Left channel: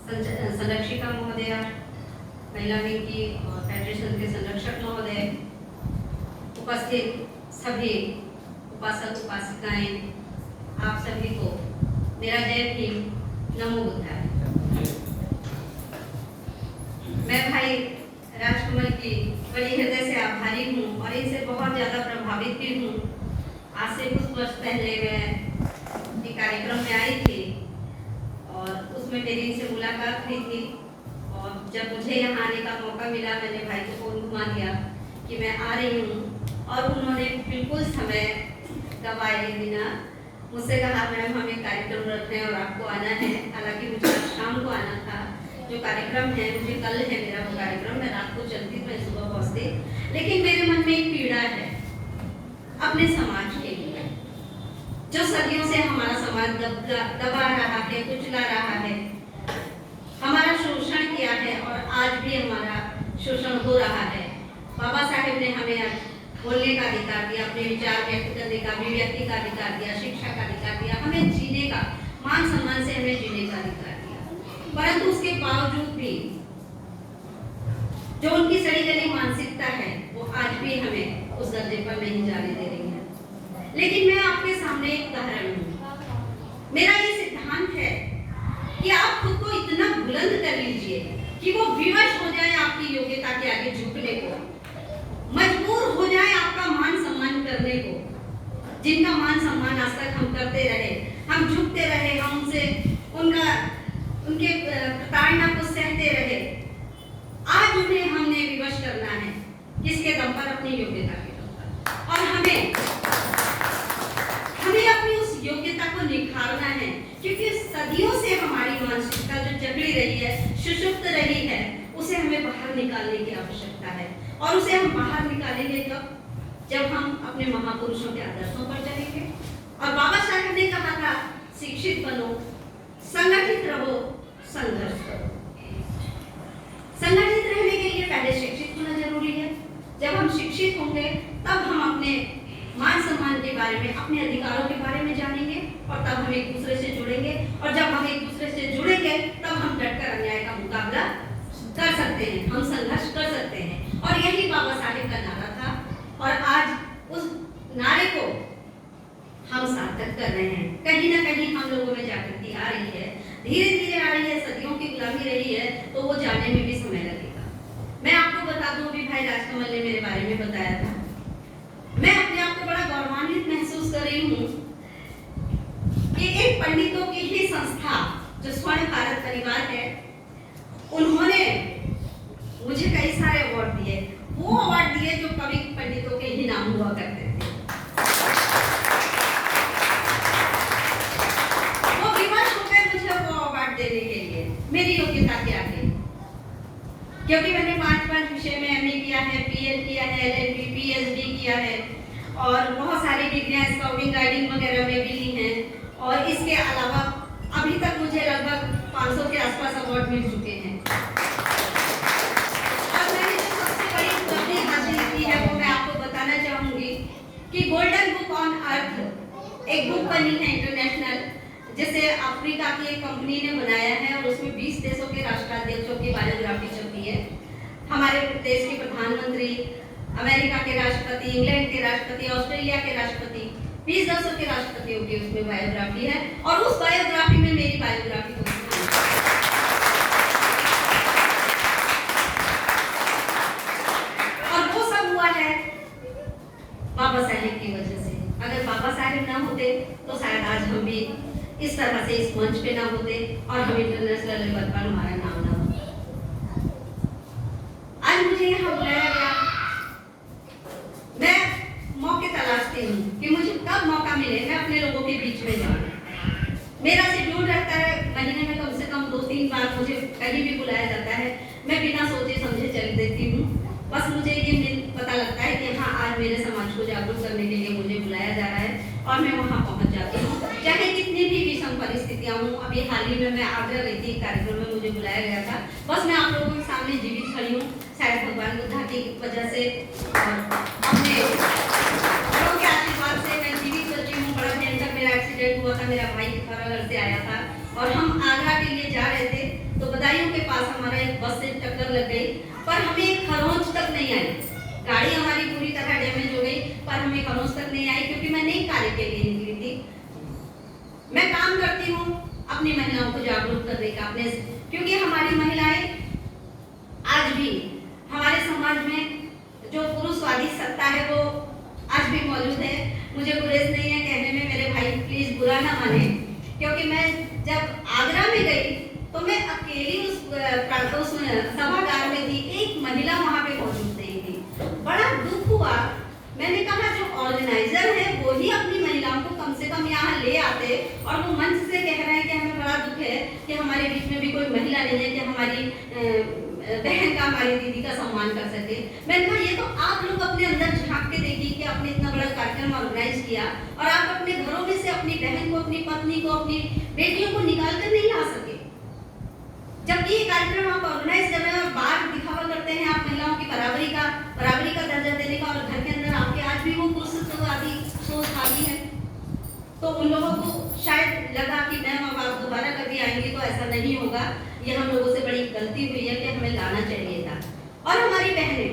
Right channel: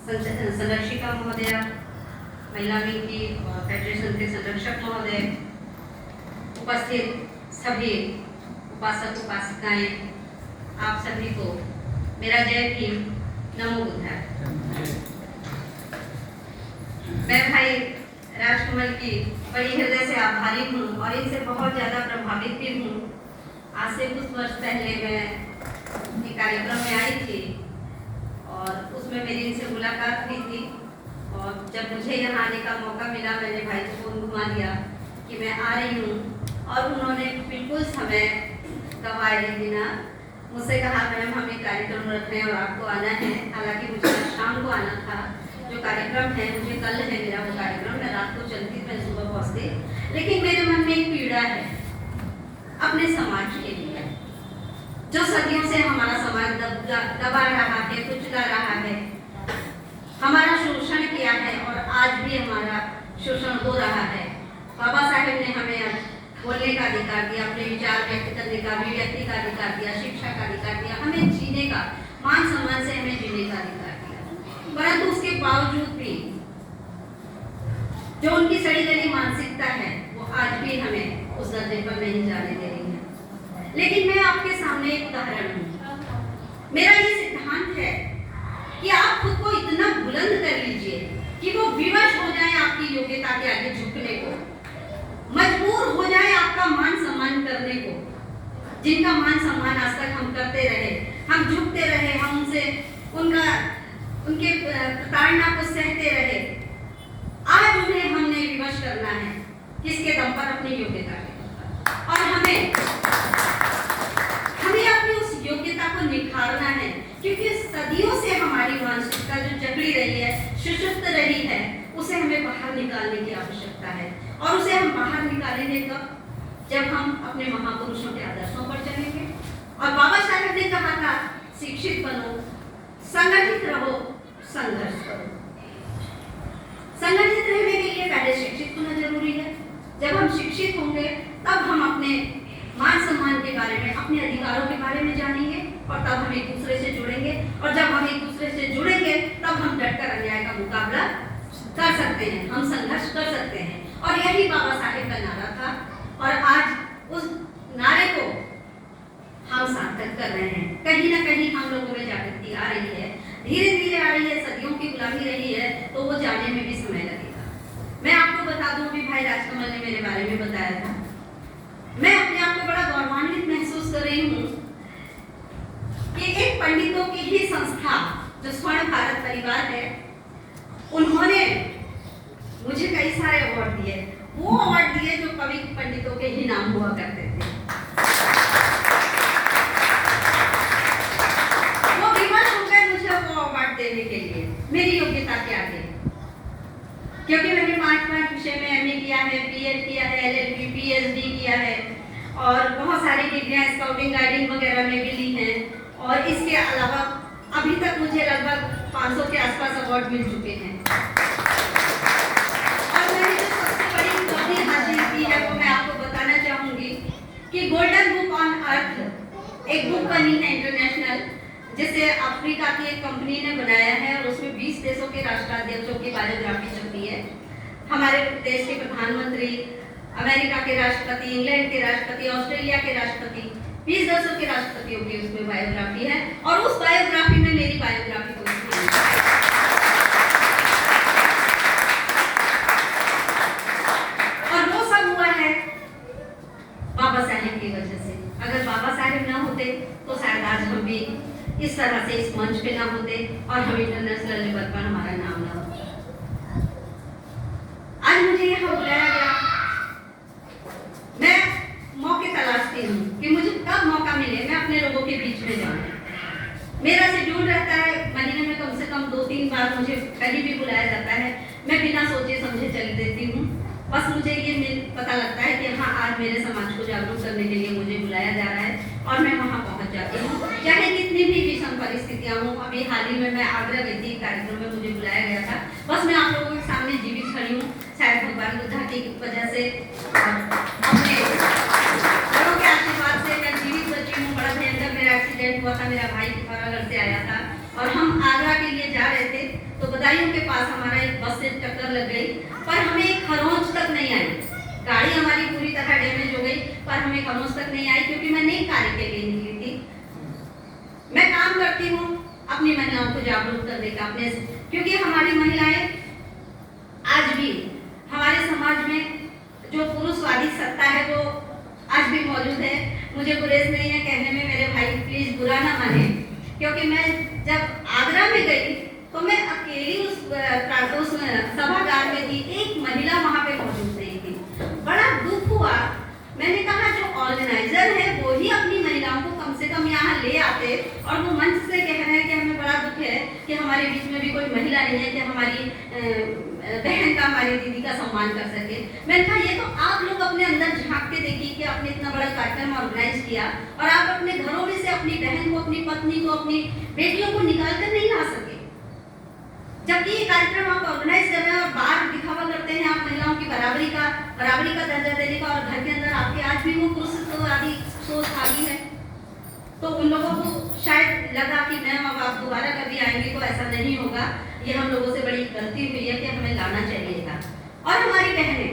संरक्षिका महोदय, महिला विंग की फेडरेशन के संरक्षक महोदय, उपस्थित सभी उपासक उपासिकाएं, आप सभी को मेरा जय भीम, नमो बुद्धाय। मैं भाई राजकमल की बड़ी हृदय से आभारी हूँ और इनसे बहुत ज़्यादा प्रभावित भी हूँ। आज से कुछ वर्ष पहले मैं एक कार्यक्रम में आई थी और उसमें मेरी इनसे मुलाकात हुई थी और जब मुझे यहाँ आने का मौका मिला, मैंने भाई को फोन घुमा दिया कि मैं आ रही हूँ और उन्होंने बिल्कुल समय गंवाए बिना मुझसे कहा मैम हमें कार्यक्रम रख रहे हैं और आपको आना है। हालांकि मुझे शाम को आना था, जो कार्यक्रम है मुझे कल है मेरा वो कार्यक्रम, मैं रात को चलती मैं सुबह पहुँचती, लेकिन मेरे मन में एक पीड़ा है अपने समाज के लिए, जो सदियों से हमारा समाज दबा रहा है, कुचला रहा है, हमारा शोषण किया है और आज भी हमारा शोषण हो रहा है। बाबा साहेब ने हमें बोलने का अधिकार दिया, अपने विचार व्यक्त करने का, अभिव्यक्ति का अधिकार दिया, शिक्षा का अधिकार दिया, हमें जीने का, मान सम्मान से हमें जीने का अधिकार दिया। परंतु उसके बावजूद भी जो उनकी सड़ी गली मानसिकता है वो आज भी हमें उस दर्जे पर नहीं जाने दे रही है। लेकिन मैं आपके सामने एक उदाहरण हूँ। मेरा ये सिद्धांत है कि आप खुद को इतना बुलंद कर लीजिए कि वो विवश हो जाए आपकी योग्यता के आगे झुकने को, मजबूर हो जाए आपका मान सम्मान करने को। जिनका मान सम्मान आज तक हम करते रहे, हम झुकते रहे, हम उनसे उनके प्रताड़ना को सहते रहे, आज उन्हें हमने विवश करना है किसके दम पर? अपनी योग्यता के दम पर। और हमें अपनी उस योग्यता को निखारना है, क्योंकि सदियों से हमारी मानसिकता जो जकड़ी रही है, सुषुप्त रही है, उसे हमें बाहर निकालने की आवश्यकता है। और उसे हम बाहर निकालेंगे तब जब हम अपने महापुरुषों के आदर्शों पर चलेंगे। और बाबा साहब ने कहा था शिक्षित बनो, संगठित रहो, संघर्ष करो। संगठित रहने के लिए पहले शिक्षित होना जरूरी है। जब हम शिक्षित होंगे तब हम अपने मान सम्मान के बारे में, अपने अधिकारों के बारे में जानेंगे और तब हम एक दूसरे से जुड़ेंगे। और जब हम एक दूसरे से जुड़ेंगे तब हम डटकर अन्याय का मुकाबला कर सकते हैं, हम संघर्ष कर सकते हैं। और यही बाबा साहेब का नारा था और आज उस नारे को हम सार्थक कर रहे हैं। कहीं ना कहीं हम लोगों में जागृति आ रही है, धीरे धीरे आ रही है, सदियों की गुलामी रही है तो वो जाने में भी समय लगेगा। मैं आपको बता दूं, अभी भाई राजकमल ने मेरे बारे में बताया था, मैं अपने आप को बड़ा गौरवान्वित महसूस कर रही हूँ कि एक पंडितों की ही संस्था जो स्वर्ण भारत परिवार है, उन्होंने मुझे कई सारे अवार्ड दिए। वो अवार्ड दिए जो कवि पंडितों के ही नाम हुआ करते थे। वो विवश हो गए मुझे वो अवार्ड देने के लिए मेरी योग्यता के आगे, क्योंकि मैंने 5 विषय में एमए किया है, बीएड किया है, एलएलबी, पीएचडी किया है और बहुत सारी डिग्रियां स्काउटिंग गाइडिंग वगैरह में भी ली हैं। और इसके अलावा अभी तक मुझे लगभग 500 के आसपास अवार्ड मिल चुके हैं। और मैंने जो सबसे बड़ी उपलब्धि हासिल की है वो मैं आपको बताना चाहूंगी कि गोल्डन बुक ऑन अर्थ एक बुक बनी है इंटरनेशनल, जिसे अफ्रीका की एक कंपनी ने बनाया है और उसमें 20 देशों के राष्ट्राध्यक्षों की बायोग्राफी छपी है। हमारे देश के प्रधानमंत्री, अमेरिका के राष्ट्रपति, इंग्लैंड के राष्ट्रपति, ऑस्ट्रेलिया के राष्ट्रपति, 20 देशों के राष्ट्रपतियों की उसमें बायोग्राफी है और उस बायोग्राफी में मेरी बायोग्राफी को और वो सब हुआ है बाबा साहेब की वजह से। अगर बाबा साहेब ना होते तो शायद आज हम भी इस तरह से इस मंच पे ना होते और हम इंटरनेशनल लेवल पर हमारा नाम ना होता। आज मुझे यहाँ बुलाया गया, मैं मौके तलाशती हूँ कि मुझे कब मौका मिले मैं अपने लोगों के बीच में जाऊँ। मेरा शेड्यूल रहता है महीने में कम से कम 2-3 बार मुझे कहीं भी बुलाया जाता है, मैं बिना सोचे समझे चल देती हूँ। बस मुझे ये पता लगता है कि हाँ आज मेरे समाज को जागरूक करने के लिए मुझे बुलाया जा रहा है और मैं वहाँ पहुँच जाती हूँ, चाहे कितनी भी विषम परिस्थितियाँ हूँ। अभी हाल ही में मैं आगरा गई थी, कार्यक्रम में मुझे बुलाया गया था। बस मैं आप लोगों के सामने जीवित खड़ी हूँ, शायद भगवान बुद्धा की वजह से अपने बड़ों के आशीर्वाद से मैं जीवित बची हूँ। बड़ा भयंकर मेरा एक्सीडेंट हुआ था, मेरा भाई पिथौरागढ़ से आया था और हम आगरा के लिए जा रहे थे तो बदायूं के पास हमारा एक बस से टक्कर लग गई, पर हमें एक खरोंच तक नहीं आई। गाड़ी हमारी पूरी तरह डैमेज हो गई, पर हमें खरोंच तक नहीं आई, क्योंकि मैं नई कार्य के लिए निकली थी। मैं काम करती हूँ अपनी महिलाओं को जागरूक करने का, अपने, क्योंकि हमारी महिलाएं आज भी हमारे समाज में जो पुरुषवादी सत्ता है वो आज भी मौजूद है। मुझे गुरेज नहीं है कहने में, मेरे भाई प्लीज बुरा ना माने, क्योंकि मैं जब आगरा में गई तो मैं अकेली उस सभागार में थी, एक महिला वहां पे मौजूद नहीं थी। बड़ा दुख हुआ। मैंने कहा जो ऑर्गेनाइजर है वो ही अपनी महिलाओं को कम से कम यहाँ ले आते, और वो मंच से कह रहे हैं कि हमें बड़ा दुख है कि हमारे बीच में भी कोई महिला नहीं है कि हमारी बहन का, हमारी दीदी का सम्मान कर सके। मैंने कहा ये तो आप लोग अपने अंदर झांक के देखिए कि आपने इतना बड़ा कार्यक्रम ऑर्गेनाइज किया और आप अपने घरों में से अपनी बहन को, अपनी पत्नी को, अपनी बेटियों को निकाल कर नहीं ला सके, जबकि ये कार्यक्रम आप ऑर्गेनाइज कर रहे हैं और बाहर दिखावा करते हैं आप महिलाओं की बराबरी का दर्जा देने का, और घर के अंदर आपके आज भी वो पुरुषवादी सोच आ रही है। तो उन लोगों को शायद लगा कि मैम अब आप दोबारा कभी आएंगे तो ऐसा नहीं होगा, ये हम लोगों से बड़ी गलती हुई है कि हमें लाना चाहिए था। और हमारी बहनें,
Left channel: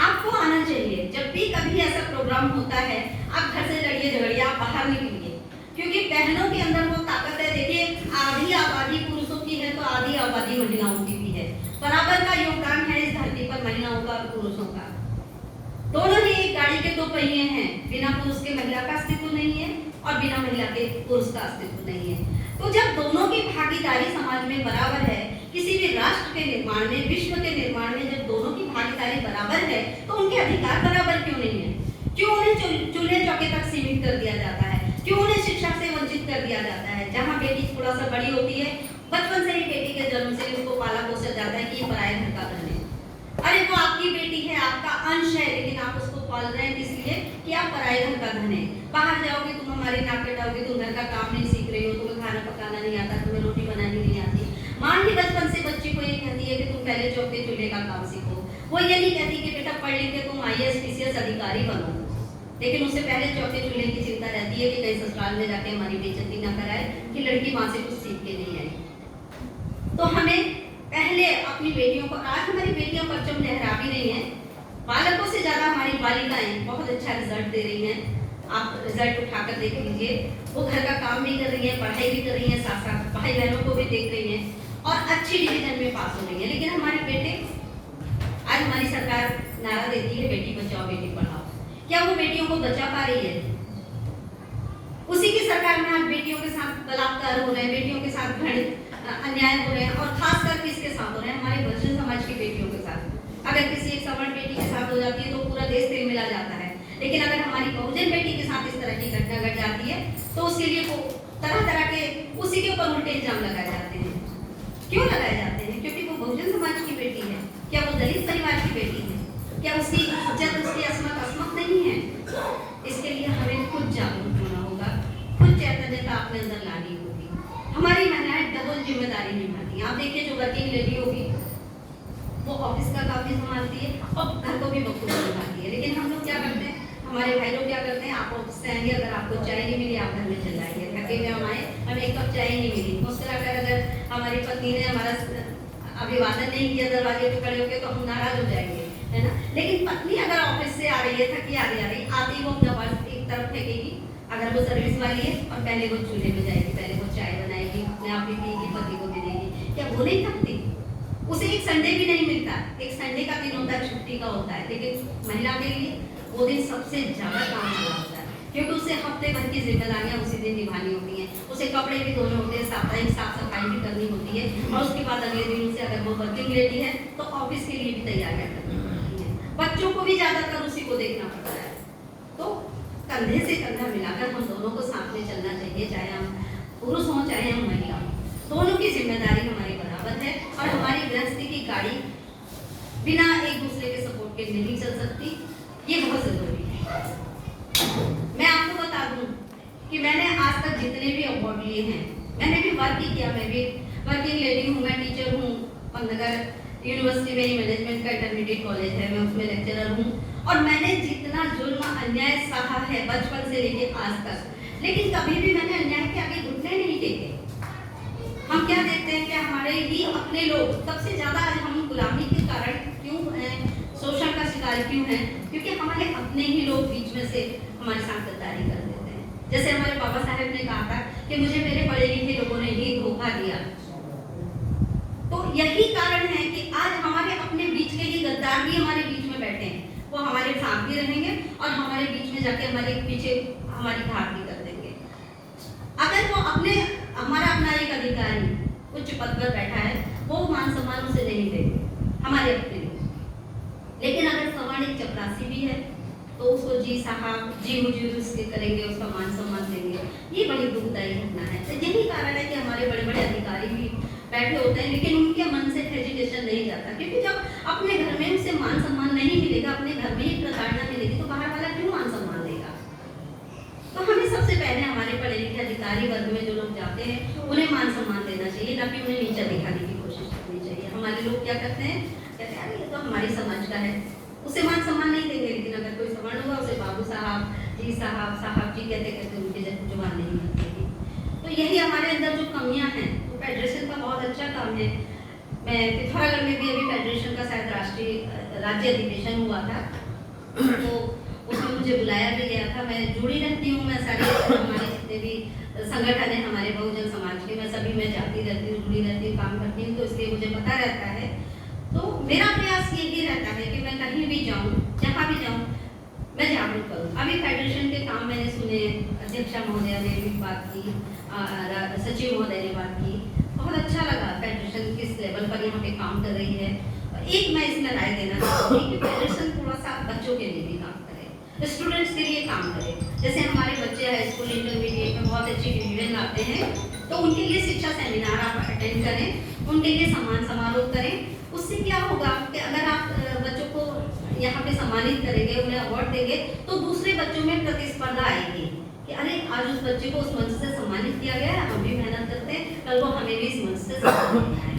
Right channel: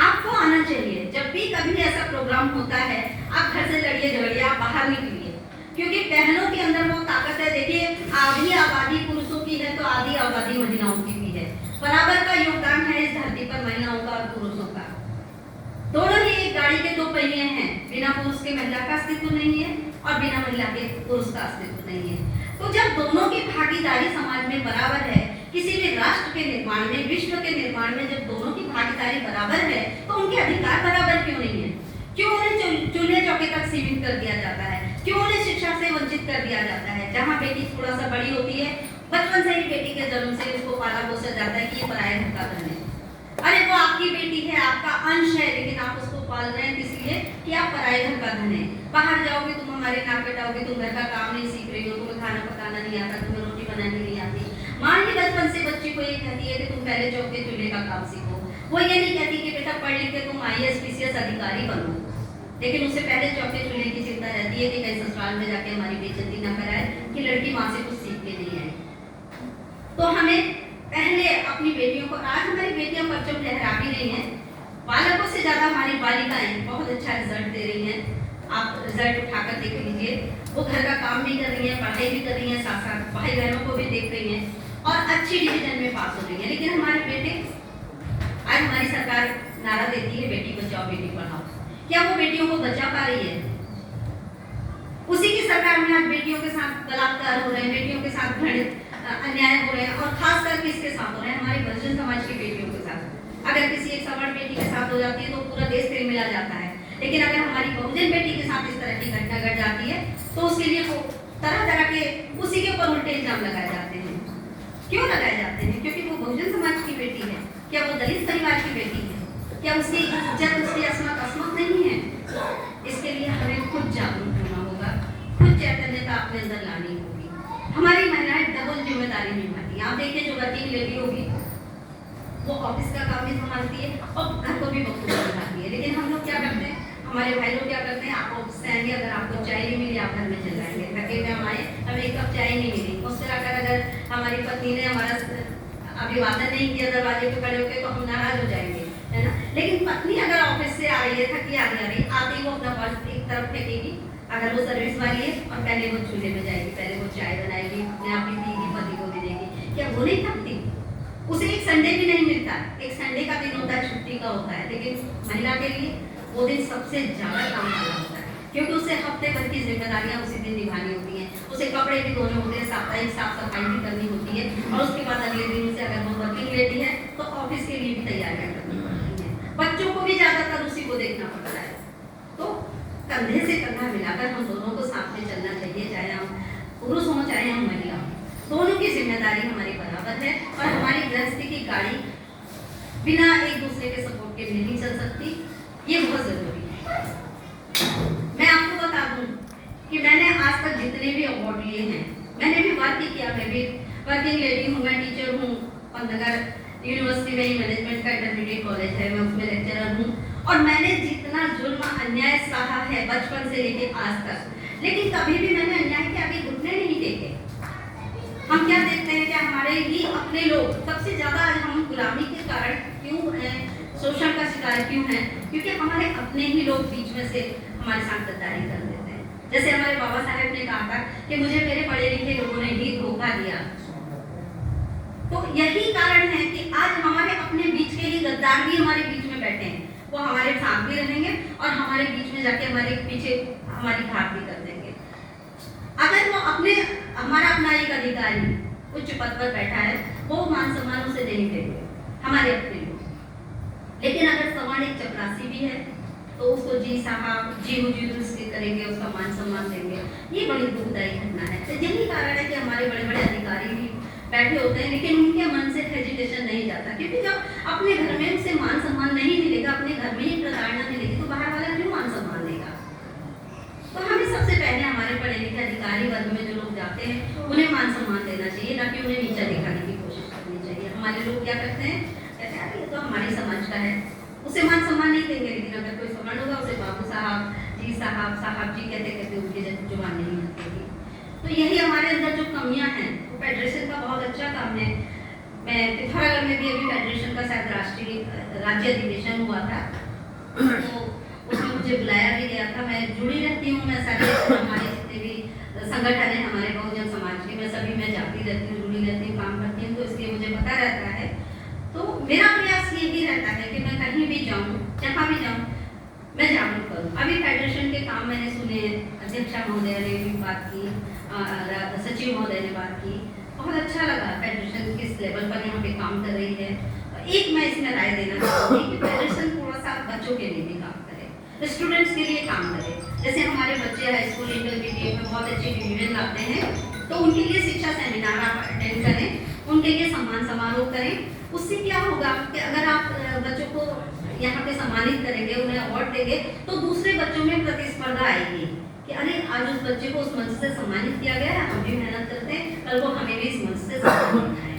आपको आना चाहिए। जब भी कभी ऐसा प्रोग्राम होता है आप घर से लड़िए झगड़िए, आप बाहर निकलिए, क्योंकि बहनों के अंदर वो ताकत है। देखिए आधी आबादी पुरुषों की है तो आधी आबादी महिलाओं की भी है। बराबर का योगदान है इस धरती पर महिलाओं का और पुरुषों का। दोनों ही एक गाड़ी के दो पहिए हैं, बिना पुरुष के महिला का अस्तित्व नहीं है और बिना महिला के पुरुष का अस्तित्व नहीं है। तो जब दोनों की भागीदारी समाज में बराबर है, किसी भी राष्ट्र के निर्माण में, विश्व के निर्माण में जब दोनों की भागीदारी बराबर है, तो उनके अधिकार बराबर क्यों नहीं है? क्यों उन्हें चूल्हे चौके तक सीमित कर दिया जाता है? क्यों उन्हें शिक्षा से वंचित कर दिया जाता है? जहाँ बेटी थोड़ा सा बड़ी होती है, बचपन से ही बेटी के जन्म से उसको पाला पोसा जाता है कि ये पराये घर का धन है। अरे वो आपकी बेटी है, आपका अंश है, लेकिन आप उसको पाल रहे हैं इसलिए कि आप पराये घर का धन है। बाहर जाओगे तुम हमारे नाक कटाओगे, तुम घर का काम नहीं सीख रही हो, तुम्हें खाना पकाना नहीं आता, तुम्हें रोटी बनानी नहीं आती। माँ ही बचपन से बच्ची को ये कहती है कि तुम पहले चौके चूल्हे का काम सीखो। वो ये नहीं कहती कि बेटा पढ़ लिख के तुम IAS PCS अधिकारी बनो, लेकिन उससे पहले चौके चूल्हे की चिंता रहती है कि कहीं ससुराल में जाके हमारी बेइज्जती ना कराए कि लड़की वहां से कुछ सीख के नहीं आई। तो हमें पहले अपनी बेटियों को, आज हमारी बेटियां परचम लहरा भी रही हैं, बालकों से ज्यादा हमारी बालिकाएं बहुत अच्छा रिजल्ट दे रही हैं। आप रिजल्ट उठाकर देख लीजिए, वो घर का काम भी कर रही हैं, पढ़ाई भी कर रही हैं, साथ साथ भाई बहनों को भी देख रही हैं और अच्छी डिवीजन में पास हो रही हैं। लेकिन हमारे बेटे, आज हमारी सरकार नारा देती है बेटी बचाओ बेटी पढ़ाओ, क्या वो बेटियों को बचा पा रही है? उसी की सरकार में आज बेटियों के साथ बलात्कार हो रहे हैं, बेटियों के साथ घृणित अन्याय हो रहे हैं, और खासकर किसके साथ हो रहे हैं? हमारे बहुजन समाज की बेटियों के साथ। अगर किसी एक सवर्ण बेटी के साथ हो जाती है तो पूरा देश तिलमिला जाता है, लेकिन अगर हमारी बहुजन बेटी के साथ इस तरह की घटना घट जाती है तो उसके लिए वो तरह तरह के उसी के ऊपर उल्टे इल्जाम लगाए जाते हैं। क्यों लगाए जाते हैं? क्योंकि वो बहुजन समाज की बेटी है। क्या वो दलित परिवार की बेटी है? क्या उसकी इज्जत, उसकी असमत नहीं है? इसके लिए हमें खुद जागरूक होना होगा, खुद चैतन्यता अपने अंदर लानी होगी। हमारी महिलाएं डबल जिम्मेदारी निभाती हैं। आप देखिए जो वर्किंग लेडी होगी वो ऑफिस का काम भी संभालती है और घर को भी बखूबी संभालती है, लेकिन हम लोग क्या करते हैं, हमारे भाई लोग क्या करते हैं, आप ऑफिस से आएंगे, अगर आपको चाय नहीं मिली आप घर में चल जाएंगे, थके हुए हम आए, हमें एक कप चाय नहीं मिली, मुझसे अगर हमारी पत्नी ने हमारा अभिवादन नहीं किया दरवाजे पे खड़े होकर तो हम नाराज हो जाएंगे, है ना। लेकिन पत्नी अगर ऑफिस से आ रही है, थकी आ रही आती वो अपना पर्स एक तरफ फेंकेगी, अगर वो सर्विस वाली है, और पहले वो चूल्हे पे जाएगी, पहले वो चाय बनाएगी, अपने आप भी देगी, पति को भी देगी। क्या वो नहीं थकती? उसे एक संडे भी नहीं मिलता, एक संडे का दिन होता है, छुट्टी का होता है, लेकिन महिला के लिए वो दिन सबसे ज्यादा काम वाला होता है, क्योंकि उसे हफ्ते भर की जिम्मेदारियां उसी दिन निभानी होती हैं। उसे कपड़े भी धोने होते हैं, साप्ताहिक साफ सफाई भी करनी होती है, और उसके बाद अगले दिन उसे अगर वो वर्किंग लेती है तो ऑफिस के लिए भी तैयारियां करनी पड़ती हैं। बच्चों को भी ज्यादातर उसी को देखना पड़ता है। तो कंधे से कंधा मिलाकर हम दोनों को साथ में चलना चाहिए, चाहे हम पुरुष हों चाहे हम महिला हों, दोनों की जिम्मेदारी हमारी बराबर है। और हमारी गृहस्थी की गाड़ी बिना एक दूसरे के सपोर्ट के नहीं चल सकती, ये बहुत जरूरी है। मैं आपको बता दूं कि मैंने आज तक जितने भी अवार्ड लिए हैं, मैंने भी वर्क किया, मैं भी वर्किंग लेडी हूँ, मैं टीचर हूँ, पंतनगर यूनिवर्सिटी में ही मैनेजमेंट का इंटरमीडिएट कॉलेज है, मैं उसमें लेक्चरर हूँ, और मैंने जितना जुल्म अन्याय सहा है बचपन से लेके आज तक, लेकिन कभी भी मैंने अन्याय के आगे घुटने नहीं टेके। हम क्या देखते हैं कि हमारे हमारे ही अपने लोग सबसे ज्यादा आज हम गुलामी के कारण क्यों हैं, शोषण का शिकार क्यों हैं, क्योंकि हमारे अपने ही लोग बीच में से हमारे साथ गद्दारी कर देते हैं। जैसे हमारे बाबा साहेब ने कहा था कि मुझे मेरे पढ़े लिखे लोगों ने ही धोखा दिया। तो यही कारण है कि आज हमारे अपने बीच के ही गद्दार भी हमारे बीच में बैठे हैं। वो हमारे साथ भी रहेंगे और हमारे बीच में जाके हमारे पीछे हमारी घाट भी कर देंगे। अगर वो अपने हमारा अपना एक अधिकारी उच्च पद पर बैठा है, वो मान सम्मान उसे नहीं देंगे हमारे अपने लोग। लेकिन अगर समान एक चपरासी भी है तो उसको जी साहब जी हुजूर उसके करेंगे, उसका मान सम्मान देंगे। ये बड़ी दुखदायी घटना है। तो यही कारण है कि हमारे बड़े बड़े अधिकारी भी बैठे होते हैं लेकिन उनके मन से हेजिटेशन नहीं जाता, क्योंकि जब अपने घर में उसे मान सम्मान नहीं मिलेगा, अपने घर में ही प्रताड़ना मिलेगी, तो बाहर वाला क्यों मान सम्मान देगा। तो हमें सबसे पहले हमारे पढ़े लिखे अधिकारी वर्ग में जो लोग जाते हैं उन्हें मान सम्मान देना चाहिए, ना कि उन्हें नीचा दिखाने की कोशिश करनी चाहिए। हमारे लोग क्या करते हैं, कहते हैं अरे ये तो हमारी समाज का है, उसे मान सम्मान नहीं देंगे, लेकिन अगर कोई सम्मान होगा उसे बाबू साहब जी साहब साहब जी कहते कहते उनकी जुबान नहीं निकलेगी। तो यही हमारे अंदर जो कमियां हैं, वो फेडरेशन का बहुत अच्छा काम है। मैं पिथौरागढ़ में भी अभी फेडरेशन का शायद राष्ट्रीय राज्य अधिवेशन हुआ था, तो उसमें मुझे बुलाया भी गया था। मैं जुड़ी रहती हूँ, मैं सारे हमारे जितने भी संगठन है हमारे बहुजन समाज के, मैं सभी में जाती रहती हूँ, जुड़ी रहती हूँ, काम करती हूँ, तो इसलिए मुझे पता रहता है। तो मेरा प्रयास ये भी रहता है कि मैं कहीं भी जाऊँ, जहाँ भी जाऊँ, मैं जागरूक करूँ। अभी फेडरेशन के काम मैंने सुने, अध्यक्षा महोदया ने भी बात की, सचिव महोदय ने बात की, बहुत अच्छा लगा फेडरेशन किस लेवल पर यहाँ पे काम कर रही है। एक मैं इसमें राय देना चाहूँगी कि फेडरेशन थोड़ा सा बच्चों के लिए भी काम करे, स्टूडेंट्स के लिए काम करे। जैसे हमारे बच्चे हाई स्कूल इंटरमीडिएट में बहुत अच्छी डिवीजन लाते हैं, तो उनके लिए शिक्षा सेमिनार आप अटेंड करें, उनके लिए सम्मान समारोह करें। उससे क्या होगा कि अगर आप बच्चों को यहाँ पे सम्मानित करेंगे, उन्हें अवार्ड देंगे, तो दूसरे बच्चों में प्रतिस्पर्धा आएगी कि अरे आज उस बच्चे को उस मंच से सम्मानित किया गया है, हम भी मेहनत करते हैं, कल को हमें भी इस मंच से सम्मानित करना है।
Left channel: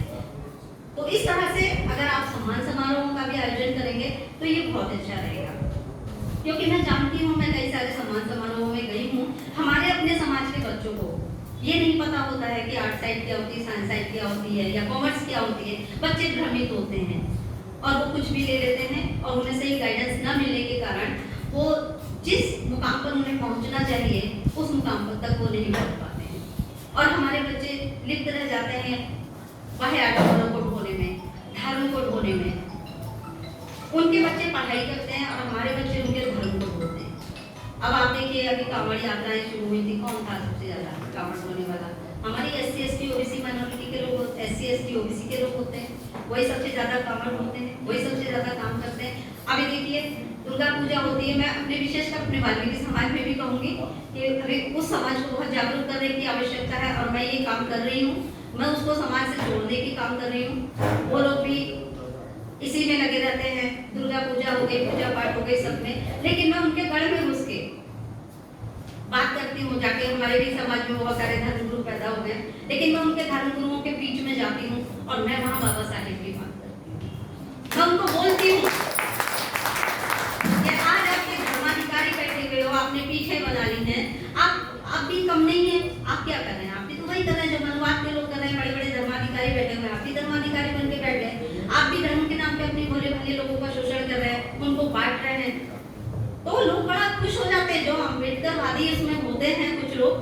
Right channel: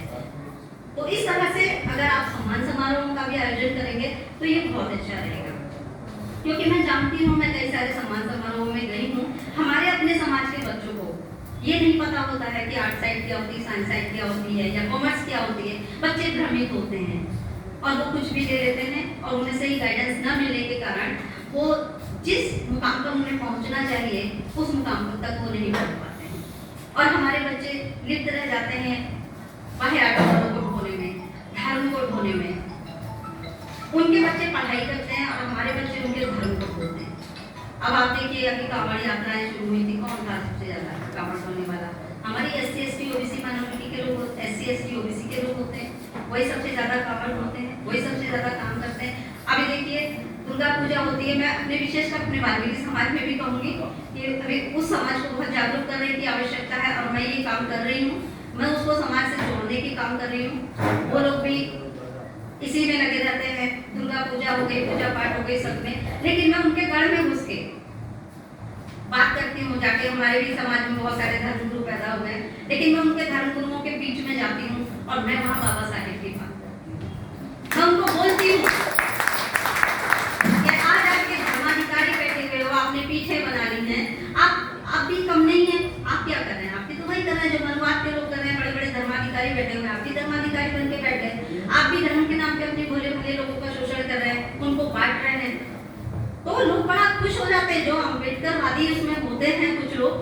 तो इस तरह से अगर आप सम्मान समारोह का भी आयोजन करेंगे तो ये बहुत अच्छा रहेगा। क्योंकि मैं जानती हूँ, मैं कई सारे सम्मान समारोह में गई हूँ, हमारे अपने समाज के बच्चों को ये नहीं पता होता है कि आर्ट साइड क्या होती है, साइंस साइड क्या होती है, या कॉमर्स क्या होती है। बच्चे भ्रमित होते हैं और वो कुछ भी ले लेते हैं, और उन्हें सही गाइडेंस न मिलने के कारण वो जिस मुकाम पर उन्हें पहुंचना चाहिए उस मुकाम पर तक वो नहीं पहुंच पाते हैं। और हमारे बच्चे लिप्त रह जाते हैं बाह्य आडंबरों को ढोने में, धर्म को ढोने में। उनके बच्चे पढ़ाई करते हैं और हमारे बच्चे उनके धर्म को ढोते हैं। अब आप देखिए, अभी कांवड़ यात्राएं शुरू हुई थी, कौन था सबसे ज्यादा कांवड़ ढोने वाला? हमारी SC ST OBC माइनॉरिटी के लोग, SC ST OBC के लोग होते हैं, वही सबसे ज्यादा कांवड़ होते हैं, वही सबसे ज्यादा काम करते हैं। अभी देखिए दुर्गा पूजा होती है, मैं अपने विशेषकर अपने वाल्मीकि समाज में भी कहूंगी कि अभी उस समाज को बहुत जागरूक करने की आवश्यकता है, और मैं ये काम कर रही हूँ, मैं उसको समाज से जोड़ने की काम कर रही हूँ। वो लोग भी इसी में लगे रहते हैं, दुर्गा पूजा हो गई, पूजा पाठ हो गई सब में, लेकिन मैं उनके गढ़ में घुस के बात करती हूँ। जाके हमारे भी समाज में बहुत सारे धर्मगुरु पैदा हो गए, लेकिन मैं उनके धर्मगुरुओं के बीच में जाती हूँ और मैं वहाँ बाबा साहेब की बात करती हूँ। मैं उनको बोलती हूँ कि आज आपके धर्माधिकारी बैठे हुए हो, आपने पीछे बना ली है, आप भी कम नहीं है, आप क्या कर रहे हैं? आप भी तो वही कर रहे हैं जो मनुवाद के लोग कर रहे हैं। बड़े बड़े धर्माधिकारी बैठे हुए हैं, आप भी धर्माधिकारी बन के बैठ गए, आप भी धर्म के नाम पे अपने भोले भले लोगों का शोषण कर रहे हैं, उनको बांट रहे हैं। तो लोग बड़ा खुश हो जाते हैं, जो अम्बेडकरवादी इसमें होते हैं कुछ लोग।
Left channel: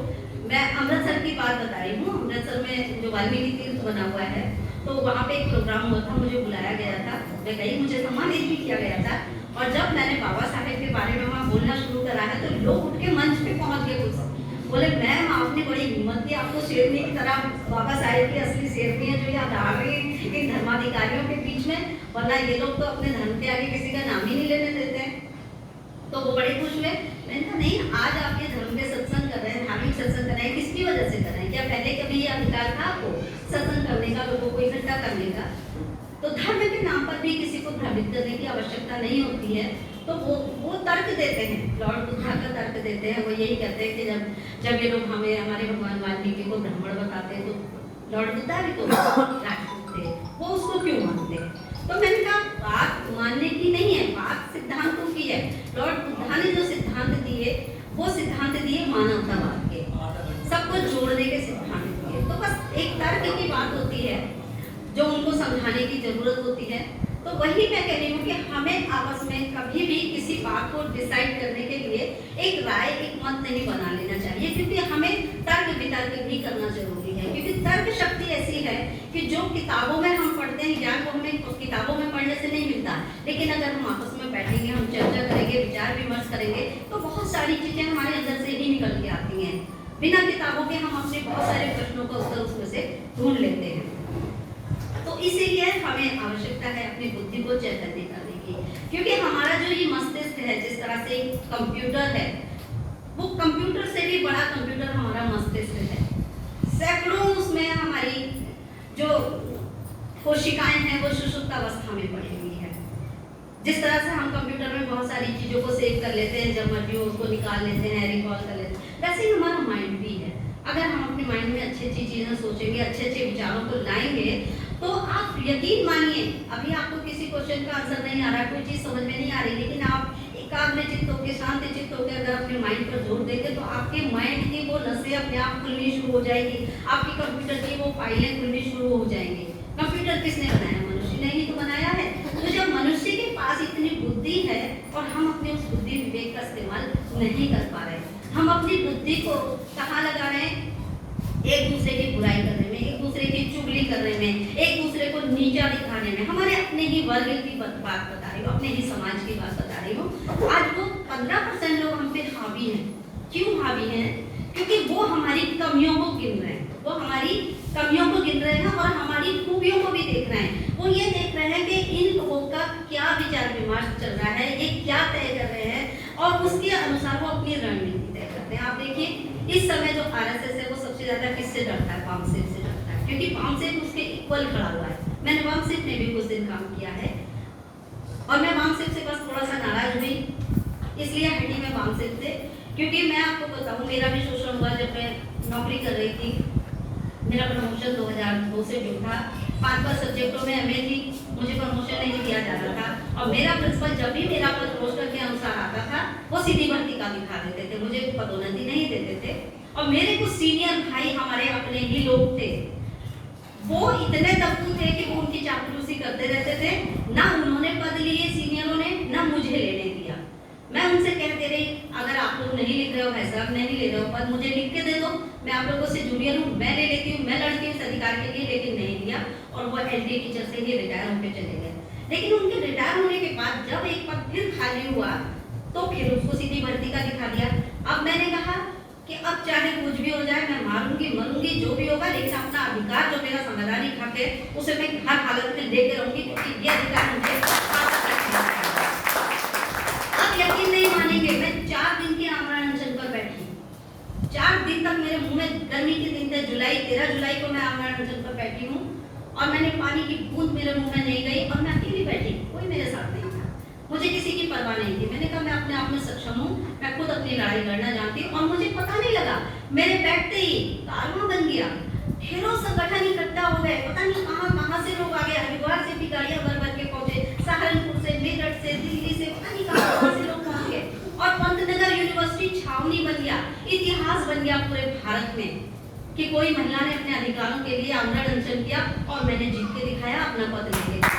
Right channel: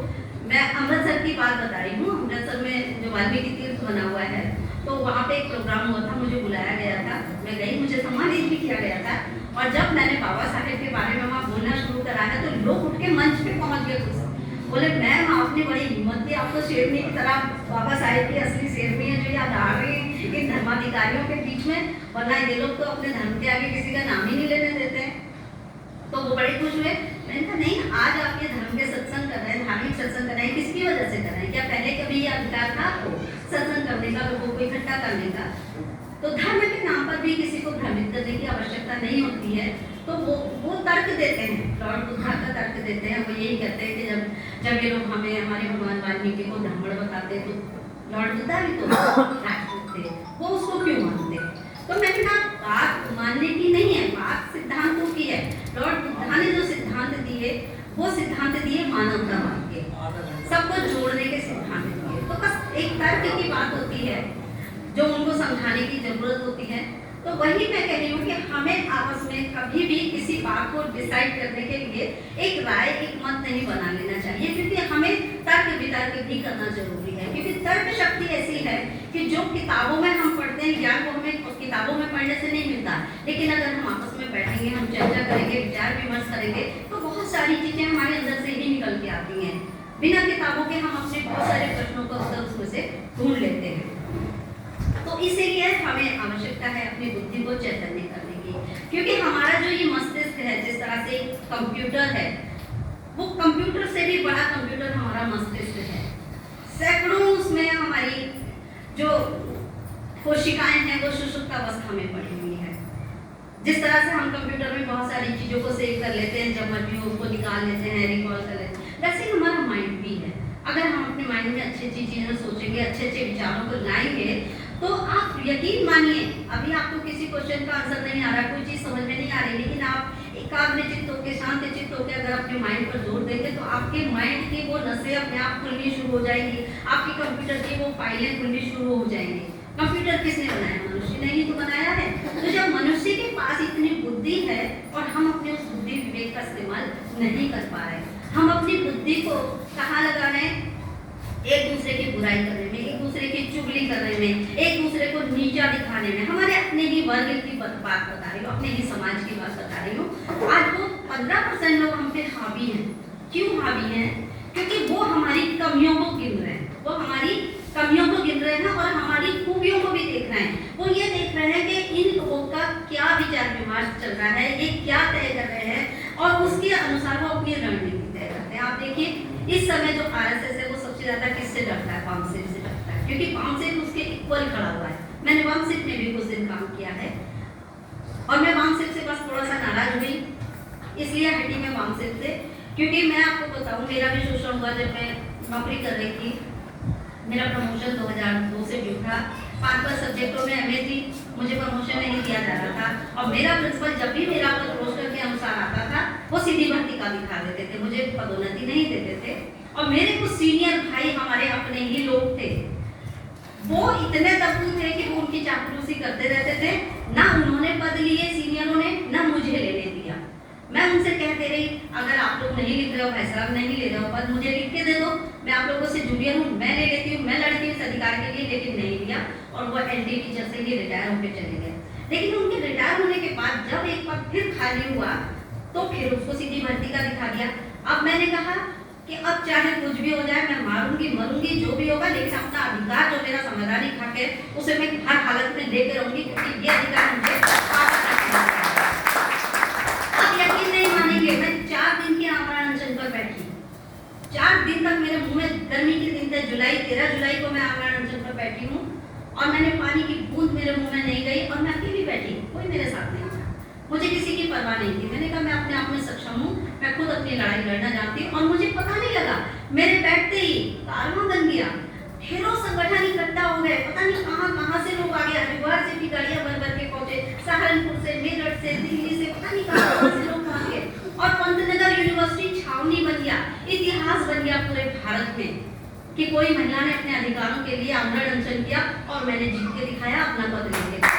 मैं अमृतसर की बात बता रही हूँ, अमृतसर में जो वाल्मीकि तीर्थ बना हुआ है, तो वहाँ पे एक प्रोग्राम हुआ था, मुझे बुलाया गया था, मैं गई, मुझे सम्मानित भी किया गया था। और जब मैंने बाबा साहेब के बारे में वहाँ बोलना शुरू करा है, तो लोग उठ के मंच पे पहुँच गए खुद, बोले मैम आपने बड़ी हिम्मत दी, आपको शेरनी की तरह बाबा साहेब की असली शेरनी है जो यहाँ आ रही है इन धर्माधिकारियों के बीच में, वरना ये लोग तो अपने धर्म के आगे किसी का नाम ही नहीं लेने देते हैं। तो वो बड़े खुश हुए। मैंने कहा नहीं, आज आप ये धर्म के सत्संग कर रहे हैं, धार्मिक सत्संग कर रहे हैं, किसकी वजह से कर रहे हैं? क्या पहले कभी ये अधिकार था आपको सत्संग करने का, लोगों को इकट्ठा करने का? तो धर्म के नाम पर भी किसी को भ्रमित करने की आवश्यकता नहीं होती है। तो वो तर्क देते हैं, लॉर्ड बुद्धा का तर्क देते हैं। वो यही कहते हैं कि जब ये लोग हमें हमारे भगवान वाल्मीकि को ब्राह्मण बताते हैं, तो लॉर्ड बुद्धा भी तो राष्ट्रपति थे, वो उसको क्यों मानते हैं? तो मैंने कहा बात मानने की नहीं है, बात सिद्धांतों की है। लॉर्ड बुद्धा ने जो सिद्धांत दिए, वो सिद्धांत दिए मानवतावाद के, सबको जोड़ने के सिद्धांत दिए। तो बस एक तर्क की बात होती है। जो उनको समझाने की जरूरत होती है। तो वही मैं कह रही हूँ कि हमें आपस में कभी भी किसी बात को डिसाइड करने के लिए एक राय, एक मत नहीं बना लेना चाहिए, क्योंकि हमें तर्क वितर्क भी करना जरूरी है। क्योंकि तर्क शक्ति ऐसी है कि जो किताबों में हम पढ़ते हैं ज्ञान वो हमें किताबों में पढ़ने से नहीं मिलता, लेकिन अगर हम आपस में बैठेंगे, हम चर्चा करेंगे, विचार विमर्श करेंगे, तो बहुत सारी चीजें हमारे अंदर से ही निकल के आती हैं। बिना किताबों के हम अपने बहुत सारे प्रश्नों का उत्तर उसमें से ढूंढ लेते हैं। तो इसीलिए हमें आवश्यकता है अपनी बुद्धि को चैतन्य करने की, क्योंकि हमारा जो ये मस्तिष्क है, जिस तरह से कंप्यूटर है, वो कंप्यूटर से भी बड़ा कंप्यूटर हमारा मस्तिष्क है। सैकड़ों उसमें हमारी जो कोशिकाएं हैं वो सुषुप्तावस्था में पड़ी हुई है। जिस तरह से हम कंप्यूटर में बहुत सारी चीजों को सेव कर लेते हैं, जब मर्जी उसको निकाल लेते हैं, रिकॉल कर लेते हैं, वैसे ही हमारा माइंड भी है। अगर हम अपने माइंड में अच्छी अच्छी चीजें सोचेंगे, अच्छे अच्छे विचारों को लाएंगे, तो आप यकीन मानिए, अभी आपको किसी क्वेश्चन का आंसर नहीं आ रहा, कोई चीज समझ में नहीं आ रही, लेकिन आप एकाग्रचित्त होकर, शांत चित्त होकर अगर अपने माइंड पर जोर देंगे, तो आपके माइंड की वो नसें अपने आप खुलनी शुरू हो जाएगी, आपकी कंप्यूटर की वो फाइलें खुलनी शुरू हो जाएंगी। कंप्यूटर किसने बनाया? मनुष्य ने ही तो बनाया है। तो जब मनुष्य के पास इतनी बुद्धि है और हम अपने उस बुद्धि विवेक का इस्तेमाल नहीं कर पा रहे, हम अपनी बुद्धि को कहाँ लगा रहे हैं? एक दूसरे की बुराई करने में, एक दूसरे की चुगली करने में, एक दूसरे को नीचा दिखाने में। हमारे अपने ही वर्ग की बात बता रही हूँ, अपने ही समाज की बात बता रही हूँ। आज वो 15% लोग हम पे हावी हैं। क्यों हावी हैं? क्योंकि वो हमारी कमियों को गिन रहे हैं, वो हमारी कमियों को गिन रहे हैं और हमारी खूबियों को भी देख रहे हैं। वो ये देख रहे हैं कि इन लोगों का क्या विचार विमर्श चल रहा है, ये क्या तय कर रहे हैं, और उसके अनुसार वो अपनी रणनीति तय करते हैं। आप देखिए, इस समय जो आरएसएस है वो सबसे ज्यादा किससे डरता है? वामसेप से डरता है, क्योंकि वामसेप उसके इक्वल खड़ा हुआ है। मैंने वामसेप में भी कुछ दिन काम किया है और मैं वामसेप से बस थोड़ा सा नाराज हुई, इसलिए हटी मैं वामसेप से। क्योंकि मैं आपको बताऊं, मेरा भी शोषण हुआ जब मैं नौकरी कर रही थी। मेरा प्रमोशन 2002 से जो था, 5 सब्जेक्टों में एमए थी, मुझे प्रमोशन नहीं दिया जा रहा था। और मेरा प्रिंसिपल जब भी मेरा पद रोस्टर के अनुसार आता था, वो सीधी भर्ती का दिखा देते थे, मुझे पदोन्नति नहीं देते थे। और मेरे कुछ सीनियर भाई हमारे अपने ही लोग थे, वो इतने दबू थे कि वो उनकी चापलूसी करते रहते थे। ना उन्होंने पद लिए सीनियरों ने, ना मुझे लेने दिया। मैं उनसे कहते रही, अगर आप लोग नहीं लिख रहे हो, भाई साहब नहीं ले रहे हो पद, मुझे लिख के दे दो, मैं आप लोगों से जूनियर हूँ, मैं ले लेती हूँ, मैं लड़ती हूँ इस अधिकार के लिए। लेकिन नहीं लिया और वो एलडी टीचर से ही रिटायर होकर चले गए। लेकिन उनके रिटायर होने के बाद जब एक पद फिर खाली हुआ, तो फिर उसको सीधी भर्ती का दिखा दिया। अब मैंने कहा कि अब चाहे कुछ भी हो जाए, मैं मारूंगी मरूंगी जो भी होगा, लेकिन अपना अधिकार जो मेरा संवैधानिक हक है उसे मैं हर हालत में देकर रहूंगी, क्योंकि ये अधिकार मुझे अब यकीन नहीं मानेंगे, मैं 4 दिन की आमरण अनशन पर बैठी। 4 दिन तक मेरे मुंह में, गर्मी के दिन थे, 13 जुलाई को मैं आमरण अनशन पर बैठी हूँ और मैंने पानी की बूंद मेरे मुंह में नहीं गई और मैं अकेली बैठी, कोई मेरे साथ नहीं था, मुझे किसी की परवाह नहीं थी। मैंने कहा मैं अपने आप में सक्षम हूँ, मैं खुद अपनी लड़ाई लड़ना जानती हूँ। और मुझे पता नहीं लगा, मेरे बैठते ही कारवां बन गया, ढेरों संगठन इकट्ठा हो गए, पता नहीं कहाँ से लोग आ गए, हरिद्वार से भी गाड़ियां भर भर के पहुंचे, सहारनपुर से, मेरठ से, दिल्ली से, पता नहीं कहाँ से लोग पहुंच गए। और पंतनगर यूनिवर्सिटी छावनी बन गया, इतिहास बन गया पूरे भारत में कि कोई महिला ने अपने अधिकारों के लिए आमरण अनशन किया और मैंने जीत के दिखाया, अपना पद लेके।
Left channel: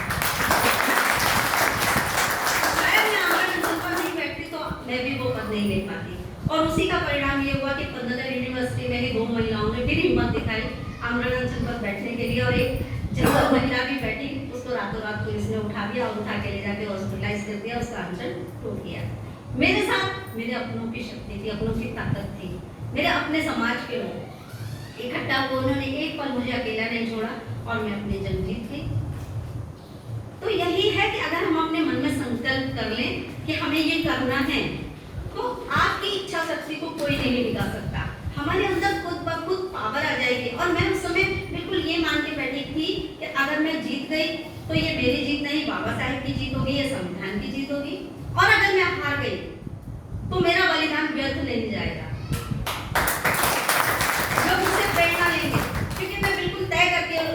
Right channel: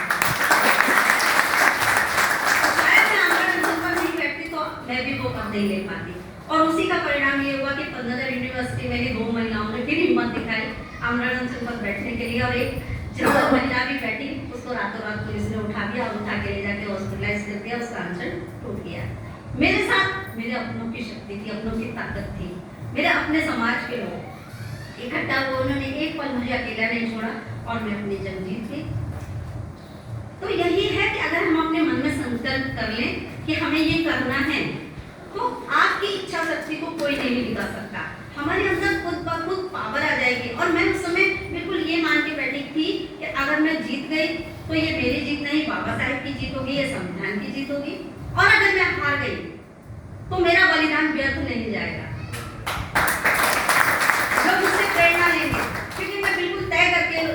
मैं भी वो पद नहीं ले पाती। और उसी का परिणाम ये हुआ कि पंतनगर यूनिवर्सिटी में ही 2 महिलाओं ने फिर हिम्मत दिखाई आमरण अनशन पर बैठने के लिए, और एक जनरल महिला भी बैठी, उसको रातों रात पुलिस ने उठा दिया और उठा के ले जाके हॉस्पिटलाइज कर दिया, उसका अनशन टूट गया। मेरे साथ मेरे अपनों की शक्ति थी, अपनों की ताकत थी, मेरे अपने समाज के लोग इकट्ठा हुए, उन्होंने एक पल मुझे अकेला नहीं छोड़ा और मैं अपनी जंग जीत गई। तो यही है कि अगर हम अपने मन में संकल्प कर लें कि हमें ये करना है, तो आपकी इच्छा शक्ति को कोई नहीं बिगा सकता। हमारे अंदर खुद ब खुद पावर आ जाएगी। और मैं उस समय बिल्कुल ये मान के बैठी थी कि अगर मैं जीत गई तो ये मेरी जीत नहीं, बाबा साहेब की जीत होगी, ये संविधान की जीत होगी। और अगर मैं हार गई तो मेरा बलिदान व्यर्थ नहीं जाएगा। लोग मुझसे प्रेरणा लेंगे, क्योंकि मैं बिल्कुल तय करके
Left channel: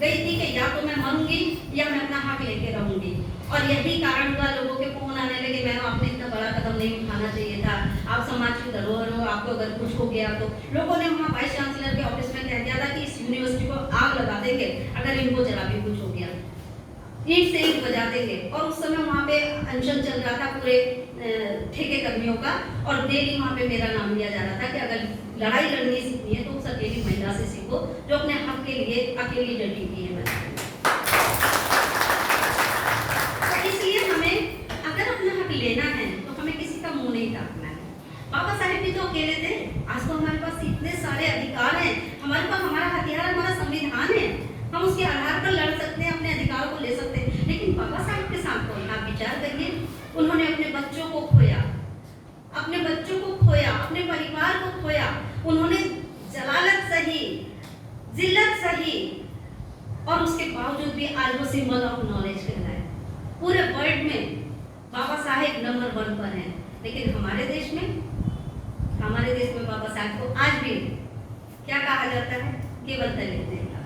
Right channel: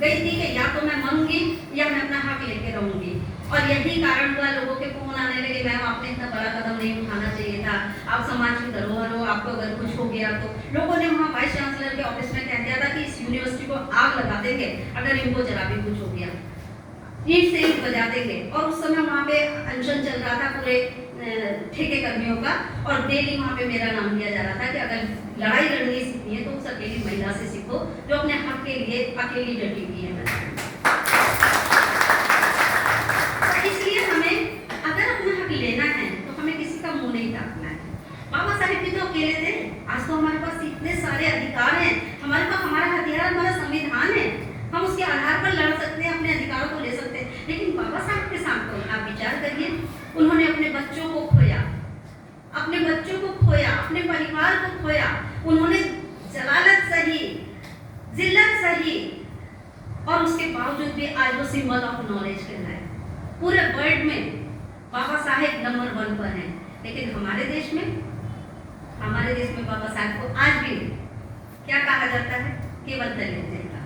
गई थी कि या तो मैं मरूंगी या मैं अपना हक लेके रहूंगी। और यही कारण हुआ लोगों के फोन आने लगे, मैम आपने इतना बड़ा कदम नहीं उठाना चाहिए था, आप समाज की धरोहर हो, आपको अगर कुछ हो गया तो। लोगों ने वहाँ वाइस चांसलर के ऑफिस में कह दिया था कि इस यूनिवर्सिटी को आग लगा देंगे अगर इनको जरा भी कुछ हो गया, ईंट से ईंट बजा देंगे। और उस समय वहाँ पे अनशन चल रहा था पूरे ठेके कर्मियों का, और डेली वहाँ पे मेरा नाम लिया जा रहा था कि अगर लड़ाई लड़नी सीखनी है तो उस अकेली महिला से सीखो जो अपने हक के लिए अकेली डटी हुई है। तो इसलिए हमें अगर अपना हक लेना है तो हमें किसी का मुंह नहीं ताकना है। बाबा साहेब भी तो अकेले थे, आज तो हमारे पास इतने सारे अधिकार हैं, हमारे पास हमारा हथियार हमारा संविधान है, हम उसके आधार पर लड़ सकते हैं, अपने अधिकारों को ले सकते हैं। लेकिन बाबा साहेब के साथ तो आप विचार करिए, उन्होंने अपने बच्चों को खोया, अपने बच्चों को खोया, अपने परिवार को खोया, उन्होंने जलालत सही, जिल्लत सही, और उसके बावजूद भी आज वो सिंबल ऑफ नॉलेज कहलाए। पूरे वर्ल्ड में बाबा साहेब नंबर 1 पर हैं। लेकिन हमारे देश में बाबा साहेब को आज भी क्या कहा जाता है? केवल दलित नेता।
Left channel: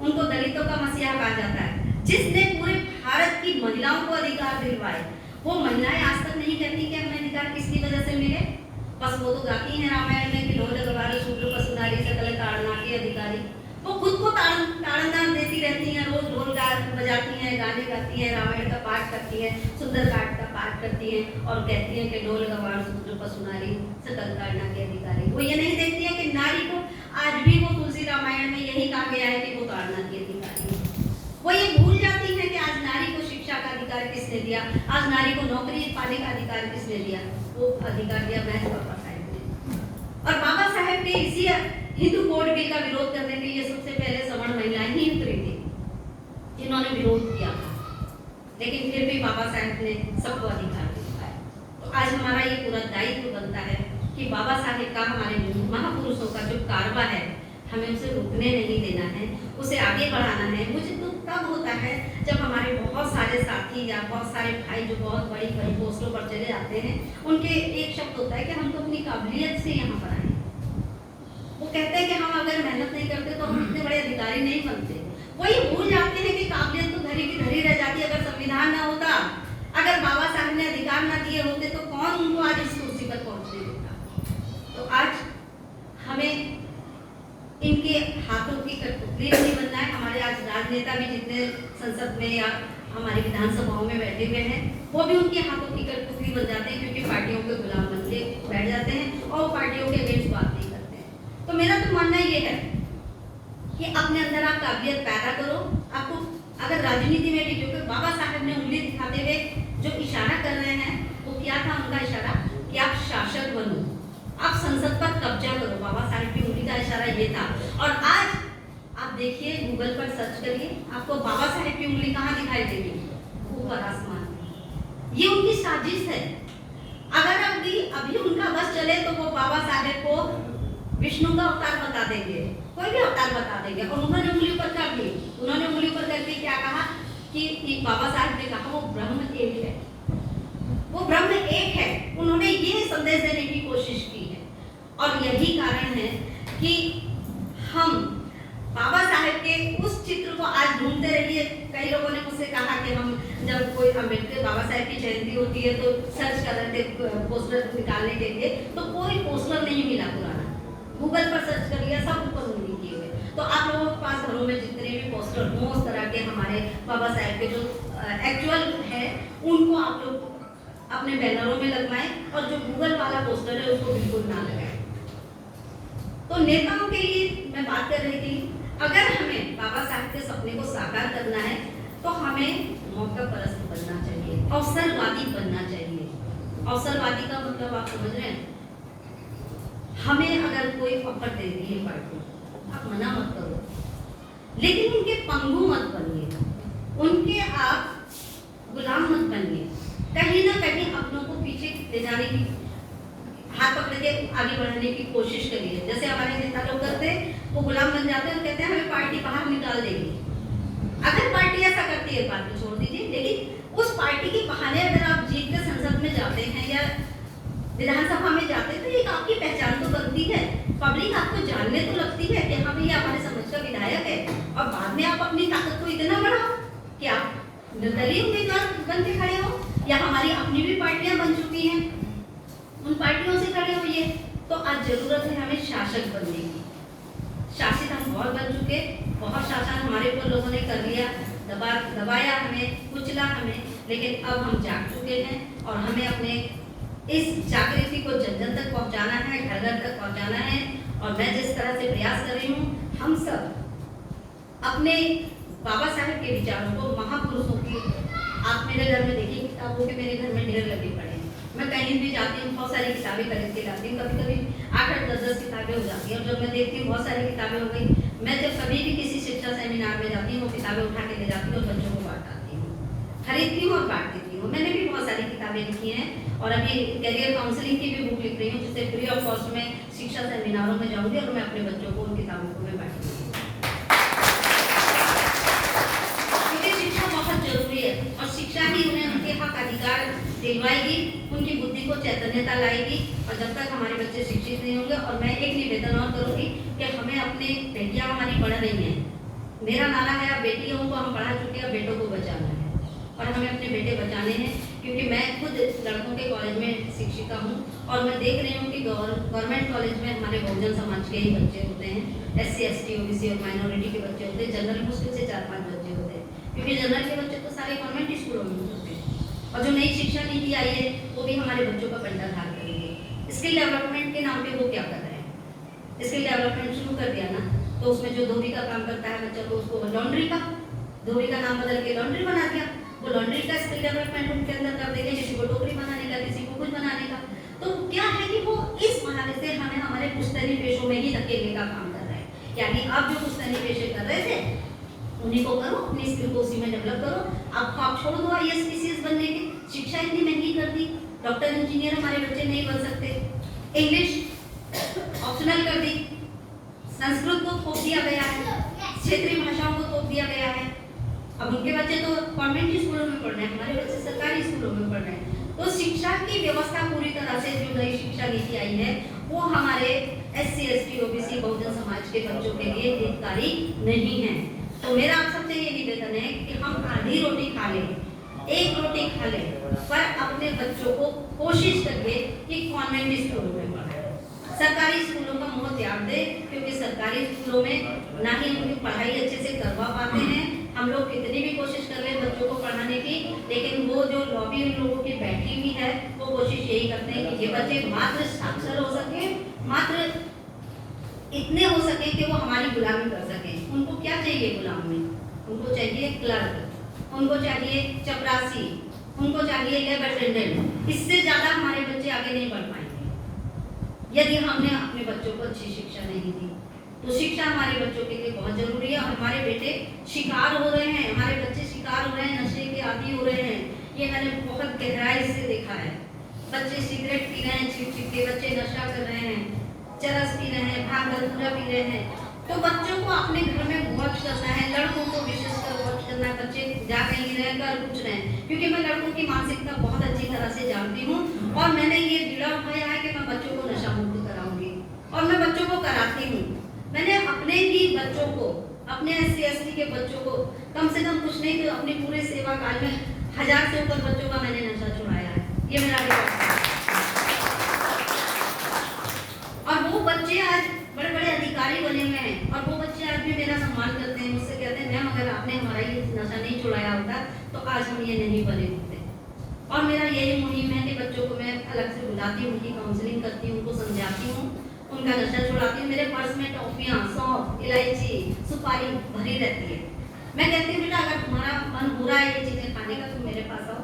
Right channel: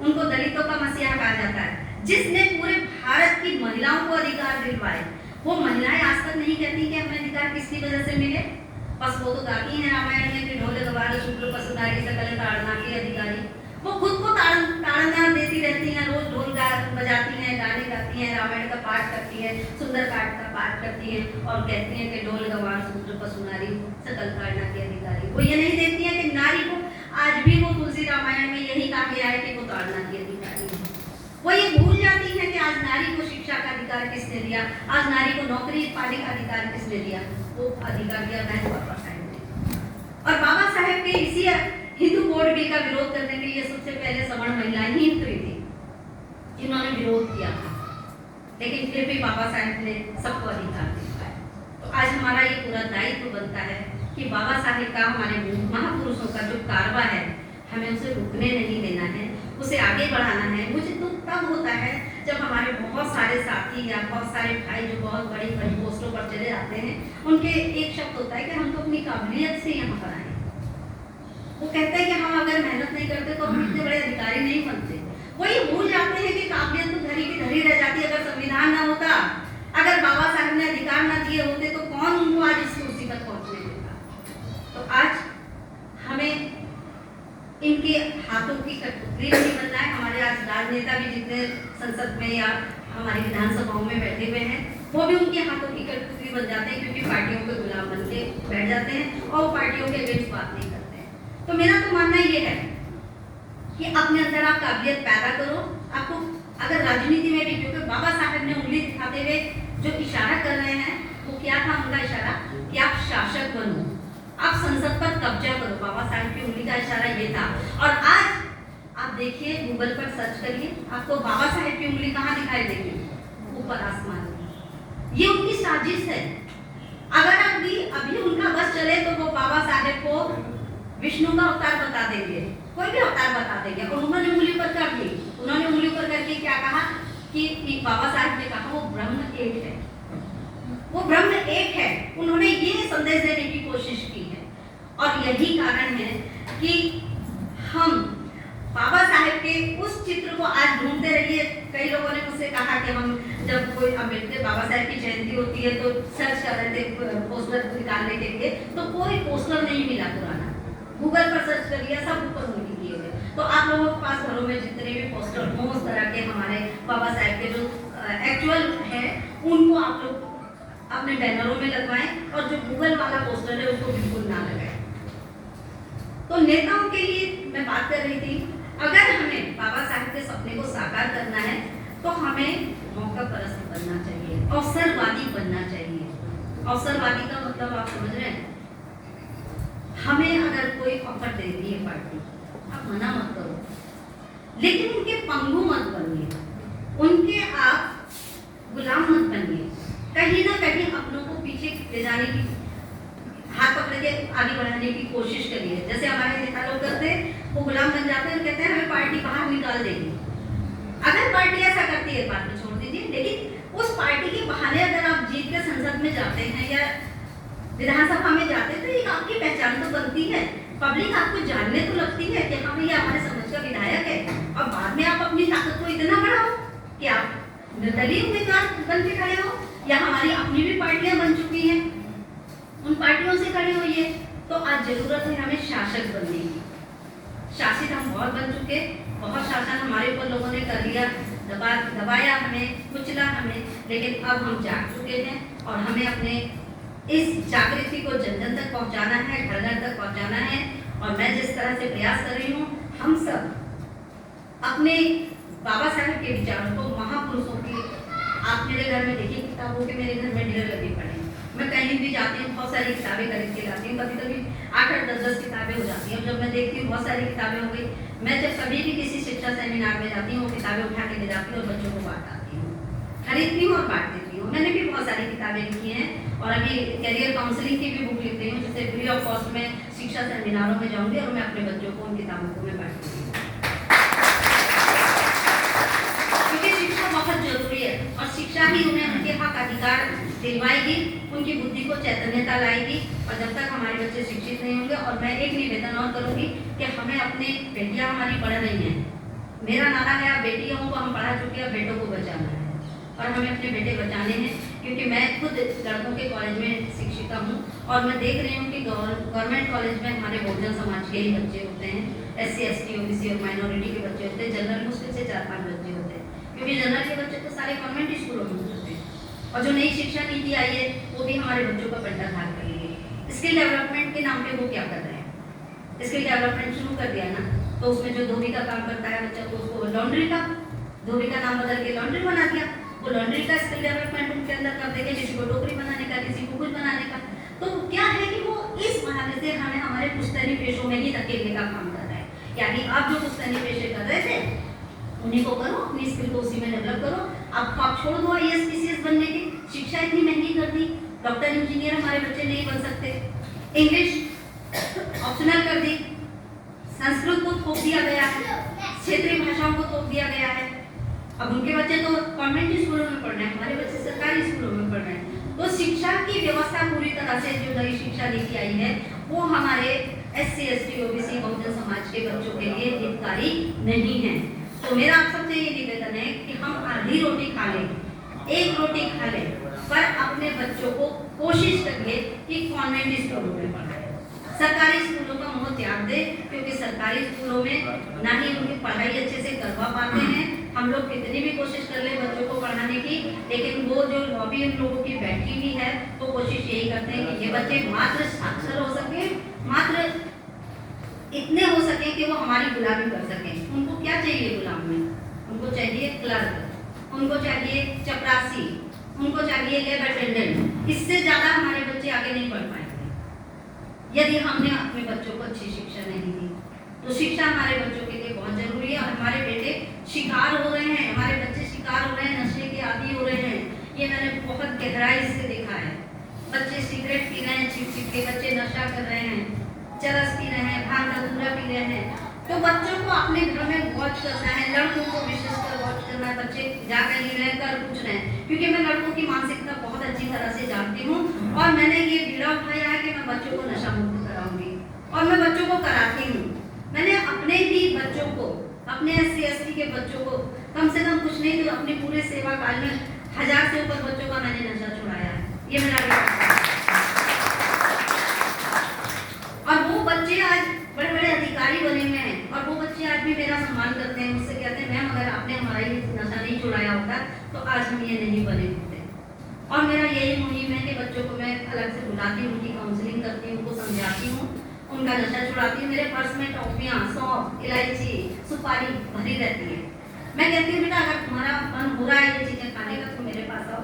उनको दलितों का मसीहा कहा जाता है, जिसने पूरे भारत की महिलाओं को अधिकार दिलवाए। वो महिलाएं आज तक नहीं कहती कि हमें अधिकार किसकी वजह से मिले, बस वो तो गाती हैं रामायण में कि ढोल गवार शूद्र पशुधारी सकल ताड़ना के अधिकारी। वो खुद को ताड़ना देती रहती हैं, रोज ढोल बजाती हैं, गाने गाती हैं, रामायण का पाठ करती हैं, सुंदरकांड का पाठ करती हैं और कहती हैं कि ढोल गवार शूद्र पशुधारी सकल ताड़ना के अधिकारी। वो ये नहीं देखती है कि नारी को आज भी वो तुलसी रामायण में यही कहा गया है कि वो ताड़ना की अधिकारी है। वो ये भूल जाती है कि आज नारी को शिक्षा का अधिकार किसने दिया, आज नारी को नौकरी पाने का अधिकार किसने दिया? वो अधिकार दिया महज बाबा साहेब ने। और बाबा साहेब के इसी हिंदू कोड बिल का विरोध करने के लिए सबसे पहले सवर्ण महिलाएं ही उतरी थी, जिन्होंने विरोध किया था। लेकिन फिर भी बाबा साहेब ने सबको अधिकार दिलवाया। तो आज हमारा ये पूरा दायित्व बनता है कि बाबा साहेब का, हमारे महापुरुषों का जो कारवा है, हमें उसे रुकने नहीं देना है, उसे आगे बढ़ाना है। मुझे तो तब होता है जब हमारे बहुत सारे साथी या बहुत सारे भाई जो बहुत बड़ी बड़ी पोस्टों पर चले जाते हैं, उनके एक शब्द होता है कि हम तो अपनी काबिलियत से यहाँ पर आए। वो कहते हैं कि हम अगर मेहनत नहीं करते तो हम इतने बड़े अधिकारी नहीं बनते। वो ये भूल जाते हैं कि काबिलियत तो घरी की घरी रह जाती है। अगर संविधान ना होता, अगर बाबा साहब ने अधिकार ना दिए होते तो कौन उनको आज इस कुर्सी तक पहुंचने देता? तो आज हमें इनके हाथों की कठपुतली नहीं बनना है। हमारे आज राजनेता भी जितने संसद में या हमारी विधानसभाओं में बैठे हुए हैं, वो भी उनके हाथों की कठपुतली बन जाते हैं, क्योंकि पार्टियों के गुलाम बन के बैठ जाते हैं और वो पार्टियों के अगेंस्ट बात नहीं करते हैं। तो मेरा तो मानना ये है कि अपने अंदर आप काबिलियत पैदा करो। आपको अगर राजनीति में भी, क्योंकि बाबा साहब ने उंगली दिखाते हुए जो इशारा कर रहे हैं, वो क्या था उनका इशारा? कि आप शासक बनो, आप संसद पर कब्जा करो। बाबा साहब की उंगली का इशारा ये था। और आज आप देखिए, गूगल पर सर्च करिए, आपको बाबा साहब की उंगली कहाँ दिखाई देगी? ऊपर आसमान में। ये उनकी साजिश है। अगर अभी उनका बस चले तो वो बाबा साहब को विष्णु का अवतार बता देंगे, कोई भी अवतार बता देंगे। और उन्होंने उंगली पर कर दी, उन्होंने उंगली पर करके क्या कहा कि बाबा साहब ने कहा वो ब्रह्म एक है, वो ब्रह्म एक है। उन्होंने ये संदेश देने की कोशिश की है। और यही कारण है कि हम बाबा साहेब के उस चित्र को आज ढूंढते रहिए। कई लोगों ने मुझसे कहा कि हम जब कोई अम्बेडकर बाबा साहेब की जयंती होती है तो सर्च कर रहे थे पोस्टर निकालने के लिए, तो कोई पोस्टर नहीं मिला पुराना। गूगल पर सर्च कर लिया, सब ऊपर उंगली किए हुए। तो आप लोगों के पास घरों में जितने भी पोस्टर हों उस तरह के हमारे बाबा साहेब के जो एक्चुअल है, उनको आप लोग अपने बैनरों में लगवाएं, और जो गूगल वाला पोस्टर है उसको बिल्कुल ना लगाएं। तो नेताओं के लिए मैं बात कर रही थी, अगर हमें बाबा साहब के सपने को साकार करना है तो हमें मौका परस्त बनना चाहिए, अवसरवादी बनना चाहिए। अवसरवादी का मतलब आप समझ रहे हैं? हमें अगर कोई ऑफर दे रही है पार्टी, आप मना मत करो, लेकिन उनके पंगु मत बनिए, उनके आप गुलाम मत बनिए। कहीं ना कहीं अपनों को पीछे ले जाने की, हाथ पकड़ के आगे बढ़ाने की कोशिश करिए। जैसे हमारे नेता लोग करते हैं, वो गुलाम बन जाते हैं, कहते हैं हमें पार्टी बाहर निकाल देगी। अगर पार्टी ऐसा करती है बात को छोड़ दीजिए, लेकिन उस पार्टी के बहाने अगर आप जीत के संसद में जाते हैं या विधानसभा में जाते तो एक आपकी पहचान तो बनती है, पब्लिक आपको जानने तो लगती है कि हाँ भैया हमारे समझ का विधायक है। और बाद में आप अपनी ताकत को इतना बढ़ाओ कि आप निर्दलीय उम्मीदवार बन के खड़े हो, या हमारी अपनी भी पार्टियां बन चुकी हैं, उन पार्टियों से खड़े होइए। तो आज जरूरत है हमें शासक बनने की। शासित हम बहुत बन चुके, बहुत शासन हमारे ऊपर लोगों ने कर लिया, दबाया हमें, कुचला हमें, लेकिन अब हम जाग चुके हैं और हमें अपने इस जागृति को जन जन तक पहुंचाना है, घर घर तक पहुंचाना है। और मैं जिस तरह से प्रयास कर रही हूँ, हम सब अपने बाबा साहब के विचारों को, महापुरुषों की, आप मेरे घर में देखिए किताबों के मेरे घर में ढेर लगे पड़े हैं। मैं कहीं भी जाती हूँ बहुत सारी किताबें खरीद के लाती हूँ, कभी कभी 8-8, 10-10 किताबें हो जाती हैं। जब मैं देखती हूँ बहुत सारी किताबें हो गई, मैं जब कभी भी किसी शिक्षा सेमिनार में जाती हूँ वो किताबें उठा के ले जाती हूँ और बच्चों को बांटती हूँ, खरीदती हूँ और बांट देती हूँ। मैंने भी बहुत सारी किताबें लिखी हैं और अभी करियर काउंसलिंग की भी बुक लिख रही हूँ, जिससे फ्री ऑफ कॉस्ट में शिक्षा सेमिनारों में जाऊँगी और मैं अपने बच्चों को उन किताबों को मैं बांटूंगी, क्योंकि शिक्षा बहुत जरूरी है और शिक्षा ही उन्हें उनके हक अधिकार दिलवाएगी, उनकी बुद्धि को चैतन्यता लाएगी। और जब तक हमारे बच्चे शिक्षित नहीं होंगे, और मैं एक निवेदन और करूँगी कि हमें अपने बेटियाँ हमारी पढ़ रही हैं, मेरा नारा है आप बेटियों को हम पढ़ा चुके हैं, बेटों को बचाना है और हमें अपने बेटे बचाने हैं। क्योंकि मैं खुद लड़कों के कॉलेज में शिक्षिका हूँ और मैं देख रही हूँ कि गवर्नमेंट कॉलेज में हमारे बहुजन समाज के ही बच्चे होते हैं, SC ST OBC और माइनॉरिटी के बच्चे होते हैं, जनरल मुश्किल से 4-5 बच्चे होते हैं, क्योंकि जनरल के बच्चे तो सारे गवर्नमेंट स्कूलों में होते हैं। और जो नई शिक्षा नीति आई है वो भी हमारे बच्चों का कंठाधार कर रही है। स्किल डेवलपमेंट के नाम पे वो क्या कर रहे हैं, स्किल डेवलपमेंट शुरू कर दिया ना, तो उसमें जो धोबी का काम करता है बच्चा, तो उसको लॉन्ड्री का, धोबी का नाम बदल के लॉन्ड्री बना दिया। वो लॉन्ड्री का स्किल डेवलपमेंट उनके अंदर कर देंगे, किसी को टोकरी बनाने का, किसी को कुछ बनाने का। तो क्या है कि वो इस बहाने से हमें हमारे पुश्तैनी पेशों में ही धकेलने का काम कर रहा है। यानी आप जो पुश्तैनी पेशे कर रहे थे उन्हीं को करो, अपनी स्किल को उसी में डेवलप करो। अब आप छोड़ दो IAS PCS बनने की, शिक्षा इतनी महंगी कर दी, डॉक्टर इंजीनियर हमारे बच्चे नहीं बन सकते, इंग्लिश ऑप्शनल कर दी, संस्कृत को थोप दिया गया है, क्षेत्रीय भाषाओं को थोप दिया गया है। अब उनके बच्चे तो कॉन्वेंट स्कूलों में पढ़ रहे हैं, हमारे बच्चे सरकारी स्कूलों में पढ़ रहे हैं। तो शिक्षा की व्यवस्था पूरी तरह से, जो नई शिक्षा नीति आई है वो हमारे SC ST OBC Bahujan Samaj के बच्चों के लिए हितकारी नहीं है। तो मेरा आप सबसे ये निवेदन है कि हम आधी रोटी खा लें, एक रोटी खा लें, पर अपने बच्चों को कोशिश करिए कि कॉन्वेंट स्कूलों में पढ़ाएं, सरकारी स्कूलों का मोह त्याग दे, क्योंकि सरकारी स्कूलों में ना ही उनकी पढ़ाई अच्छे से करवा पाते हैं। हम लोग कितनी भी कोशिश कर ले बच्चों को पढ़ाने की, लेकिन वो जो लॉबी उन लोगों की बैठी हुई है वो कोशिश यही करते हैं कि ये बच्चे मात्र साक्षर हो सके, मात्र इतने हो सके कि वो हमारी गुलामी कर सकें। उनको क्या चाहिए गुलाम में? उनको चाहिए क्लर्क, उनको चाहिए चपरासी, उनको चाहिए लैब अटेंडेंट। इससे ज्यादा हमारे बच्चे आगे नहीं बढ़ पाएंगे यदि हमने अपने बच्चों को अच्छी शिक्षा नहीं दी। तो शिक्षा हमारे बच्चों के लिए बहुत जरूरी है। हमारे बेटे शिकार हो रहे हैं, हमारे बच्चे शिकार हो रहे हैं, नशे के आदी हो रहे हैं, ये मैंने बहुत गहराई से देखा है। बच्चे सिगरेट पी रहे हैं, छिप के बच्चे नशा कर रहे हैं, चरस पी रहे हैं, भांग धतूरा पी रहे हैं। तो बच्चों को अपने घर में वॉच करना है, लड़कों को विशेषकर वॉच करना है। बच्चे जा कहीं रहे कर कुछ रहे हैं, क्योंकि मैं लड़कों की मानसिकता बहुत अच्छी तरह से जानती हूँ और मैंने ये बीड़ा उठाया है कि मैं बच्चों को नशा मुक्त कराऊंगी और मैं बच्चों को कराती हूँ। मैंने अपने भी बच्चों को, अपने SC ST के बच्चों को कम से कम कुछ नहीं तो अपने पूरे सेवा काल में 1000 से ऊपर बच्चों का मैंने नशा छुड़ाया है। ये मेरा रिकॉर्ड है। और वो बच्चे आज बड़े बड़े अधिकारी बने हुए हैं और वो बच्चे आज भी मेरा सम्मान करते हैं, मुझसे कहते हैं मैम अगर आपने हमारा ये नशा नहीं छुड़ाया होता तो आज हम ये नहीं बने होते। और मेरा यही मुहिम है कि बच्चों को मैं अलग से बुलाती हूँ, उनकी काउंसलिंग करती हूँ, उनको समझाती हूँ, उनका नशा छुड़ाती हूँ। मेरे पर्स में टॉफियाँ, सौंफ, इलायची, सुपारी भरी रहती है। मैं कहती हूँ बेटा अगर तुम्हारा मन हो रहा है ये चीजें खाने का तो मेरे पास आओ।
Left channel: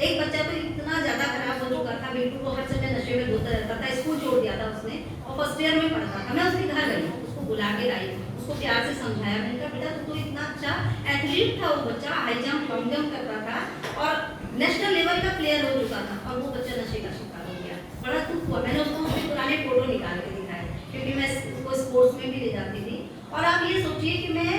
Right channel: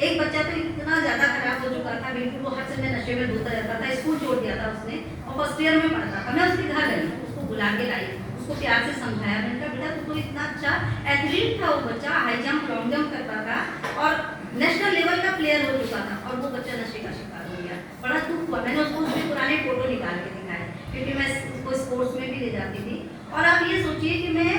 एक बच्चा तो इतना ज्यादा खराब हो चुका था, बिल्कुल वो हर समय नशे में धोता रहता था, स्कूल छोड़ दिया था उसने और फर्स्ट ईयर में पढ़ता था। मैं उसके घर गई, उसको बुला के लाई, उसको प्यार से समझाया। मैंने कहा बेटा तू तो इतना अच्छा एथलीट था, वो बच्चा हाई जंप लॉन्ग जंप करता था और नेशनल लेवल का प्लेयर हो चुका था और वो बच्चा नशे का शिकार हो गया। बड़ा दुख हुआ। मैंने उसको उसके पुराने फोटो निकाल के दिखाए, क्योंकि मैं उसको स्पोर्ट्स में भी ले जाती थी। और आप ये सोचिए कि मैं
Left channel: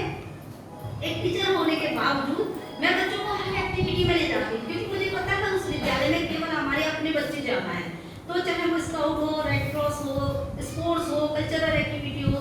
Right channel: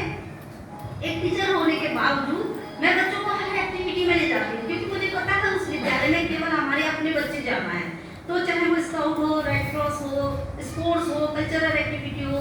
एक टीचर होने के बावजूद मैं बच्चों को हर एक्टिविटी में ले जाती हूँ, क्योंकि मुझे पता था उस विद्यालय में केवल हमारे अपने बच्चे जाना है। तो चाहे वो स्काउट हो, रेड क्रॉस हो, स्पोर्ट्स हो, कल्चरल एक्टिविटी हो,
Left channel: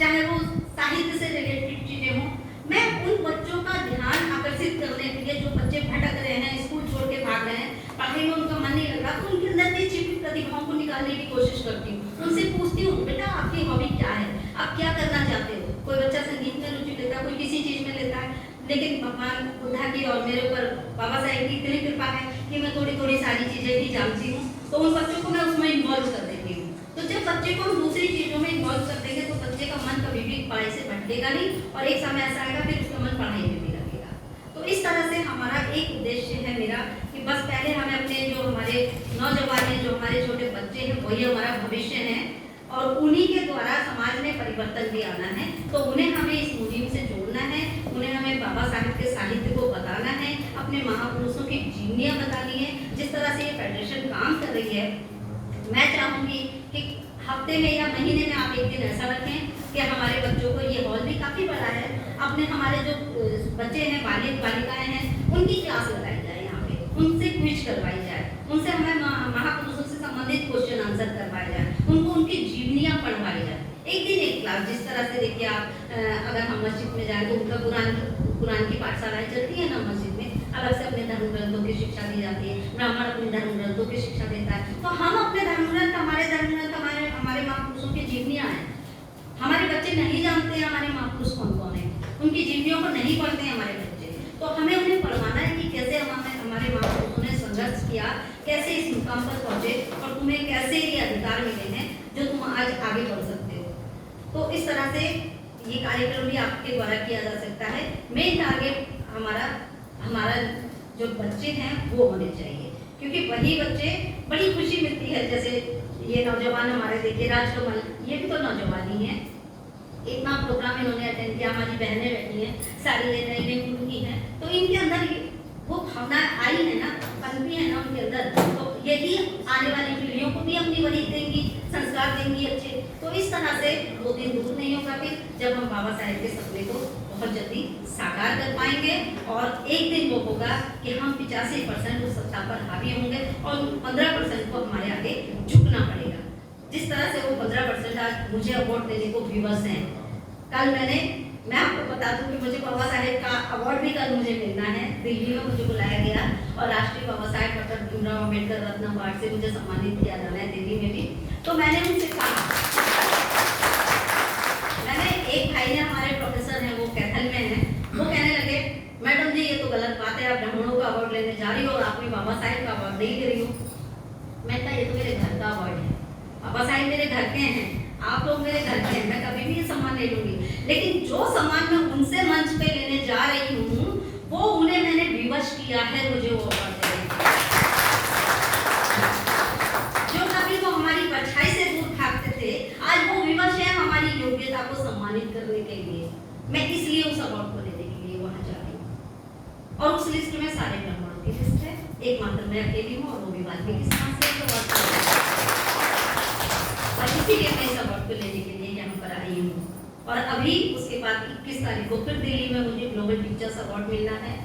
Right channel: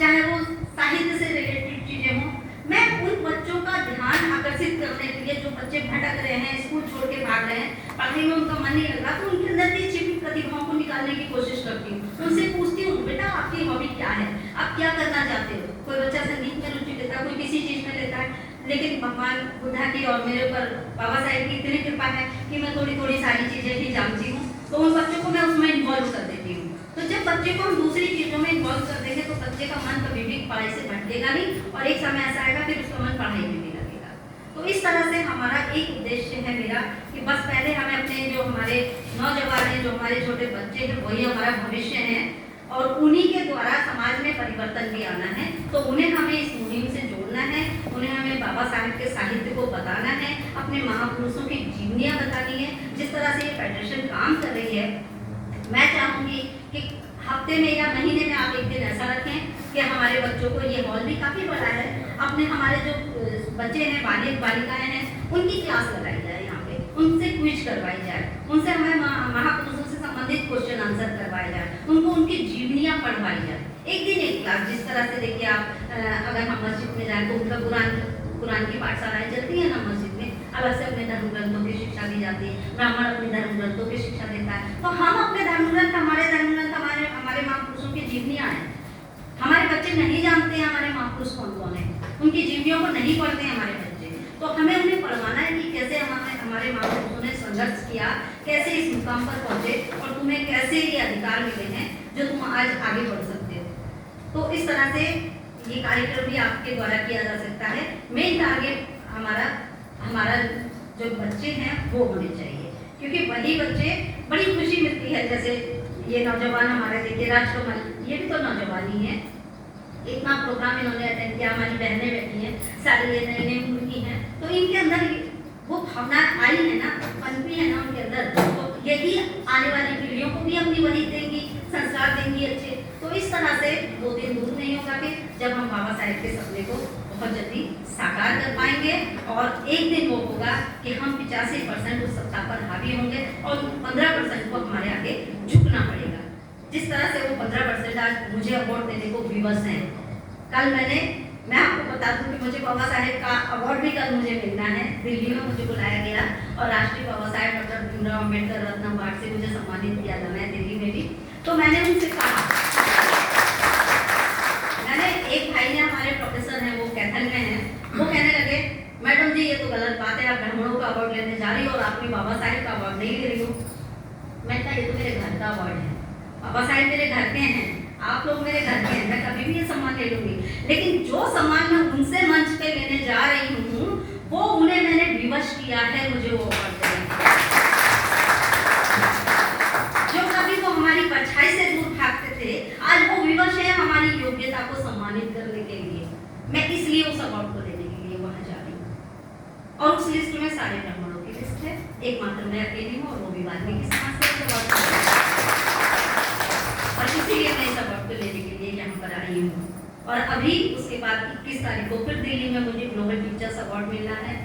चाहे वो साहित्य से रिलेटेड चीजें हों, मैं उन बच्चों का ध्यान आकर्षित करने के लिए, जो बच्चे भटक रहे हैं, स्कूल छोड़ के भाग रहे हैं, पढ़ाई में उनका मन नहीं लग रहा, तो उनके अंदर की छिपी प्रतिभाओं को निकालने की कोशिश करती हूँ। उनसे पूछती हूँ, बेटा आपकी हॉबी क्या है, आप क्या करना चाहते हो? कोई बच्चा संगीत में रुचि लेता है, कोई किसी चीज में लेता है, लेकिन भगवान बुद्धा की और मेरे ऊपर बाबा साहेब की इतनी कृपा है कि मैं थोड़ी थोड़ी सारी चीजें भी जानती हूँ, तो उन बच्चों को मैं उसमें इन्वॉल्व कर देती हूँ। तो जब बच्चे को हम दूसरी चीजों में इन्वॉल्व कर देंगे तो बच्चे का मन कभी भी पढ़ाई से भटकेगा नहीं, और एक समय ऐसा आएगा फिर उसका मन पढ़ाई में भी लगेगा। तो इस तरह से हमारा एक उद्देश्य है मेरा कि बस पहले हमें अपने जो हमारे नौजवान हैं, जो हमारे छोटे बच्चे हैं, वही हमारा भविष्य है, और उन्हीं के द्वारा समाज में परिवर्तन भी आना है। तो उन्हें हमें इस मुहिम से जोड़ना है, उन्हें हमें बाबा साहेब के साहित्य को बताना है, अपने महापुरुषों की जीवनियां बतानी है। जिस तरह से ये फेडरेशन काम कर रही है, मैं चाहूंगी कि हफ्ते में या महीने में आप एक दिन ऐसा रखें कि हमारे बच्चों को, ये हॉल भी काफी बड़ा है, अपने हमारे जो बच्चे हैं, बालिक बालिकाएं हैं, उनकी क्लास लगाई जाए, यहाँ पे उनसे क्विज करवाई जाए, उनसे हमें महापुरुषों से संबंधित क्वेश्चन आंसर करवाए जाए, उनको उनकी जीवनियां पढ़वाई जाए, एक दिन एक क्लास। जिस तरह से देखिए आप, अगर हम मस्जिद में जाए तो उनका कुरान की पाठशालाएं चलती है ना मस्जिद में, अलग से अपने धर्म ग्रंथों की शिक्षा दी जाती है, ब्राह्मण अपने धर्म ग्रंथों की शिक्षा देता है, तो हम अपने धर्म ग्रंथ, हमारे धर्म ग्रंथ, हमारे महापुरुषों की जीवनियां हैं। हमारे बच्चे नहीं जानते हैं हमारे महापुरुष कौन कौन है, उनकी जीवनियों को नहीं पढ़ते हैं हमारे बच्चे, तो हमें उन्हें पढ़वाना है कि कैसे हमारे महापुरुषों ने संघर्ष किया, कैसे इस मुकाम पर पहुंचे, और तुम्हें कैसे ये अधिकार मिले हैं जो तुम आज आगे बढ़ सकते हो। तो इस तरह से ये कार्यक्रम भी आपके द्वारा किया जा सकता है। मेन टारगेट हमारा जो बच्चे हैं वो होने चाहिए, क्योंकि वही बच्चे, बड़ी खुशी मिलती है। जैसे ये नौजवान हमारे देखिए, राजकमल, ये भी तो नौजवान ही है, इतना प्रोग्राम इन्होंने अटेंड किया, हमारी बहनें बैठी हैं, सारी ये नए नए उम्र की हैं, तो इनके अंदर वो भावना आई है ना, पनपी है ना उनके अंदर, तो यही आने वाली पीढ़ियों को भी अपनी वही देंगी, संस्कार देंगी अच्छे। तो इस तरह से वो दिन दूर नहीं होगा फिर जब हम बाबा साहेब के सपने को बहुत जल्दी साकार कर पाएंगे, और एक दिन वो होगा कि हम 85% उस सत्ता पर हावी होंगे और 15% को हमारे आगे झुकना पड़ेगा। जिस तरह से वो 15% आज मुझे अवार्ड देने को विवश हैं। कल मैं आपको बता दूं कि मुझे बाबा साहेब का अवार्ड भी कल मुझे मिलना है। दिल्ली में मुझे बुलाया गया और राष्ट्रीय बाबा साहेब डॉक्टर भीमराव अम्बेडकर रत्न अवार्ड से मुझे सम्मानित किया जाना है दिल्ली में भी। तो मैंने उनसे कहा, एक भाई ने, हमारे प्रोफेसर हैं, वो कैथल में हैं, वो कहने लगे, मैडम जी ये तो गलत बात है, आप ब्राह्मणों का अवार्ड लेने जा रही हो और आपने बाबा साहेब का अवार्ड नहीं ले रही हो। मैं कहा ये तो मेरे घर का अवार्ड है, बाबा साहेब मेरे घर के हैं, आप लोग मेरे घर के हैं, मैं कभी भी ये सम्मान ले लूंगी, लेकिन जो सम्मान मैं उनसे मंच पे लेने जा रही हूँ वो उन्हें मैंने विवश किया है मुझे वो अवार्ड देने। जो कभी वो हमारी परछाई से दूर भागते थे, आज वो विवश है हमारी योग्यता को सम्मानित करने के लिए। मैं इसलिए उस अवार्ड को लेने के लिए वहां जा रही हूँ। और उस लिस्ट में सारे ब्राह्मणों की लिस्ट है, एकमात्र मैं अकेली हूँ, और वो भी वाल्मीकि समाज से अवार्ड, और इसीलिए मैं इस अवार्ड को लेने के लिए यहाँ पर आई हूँ। और अभी उसके बाद 21 तारीख को फिर दिल्ली में मुझे ग्लोबल टीचर्स अवार्ड मिलना है,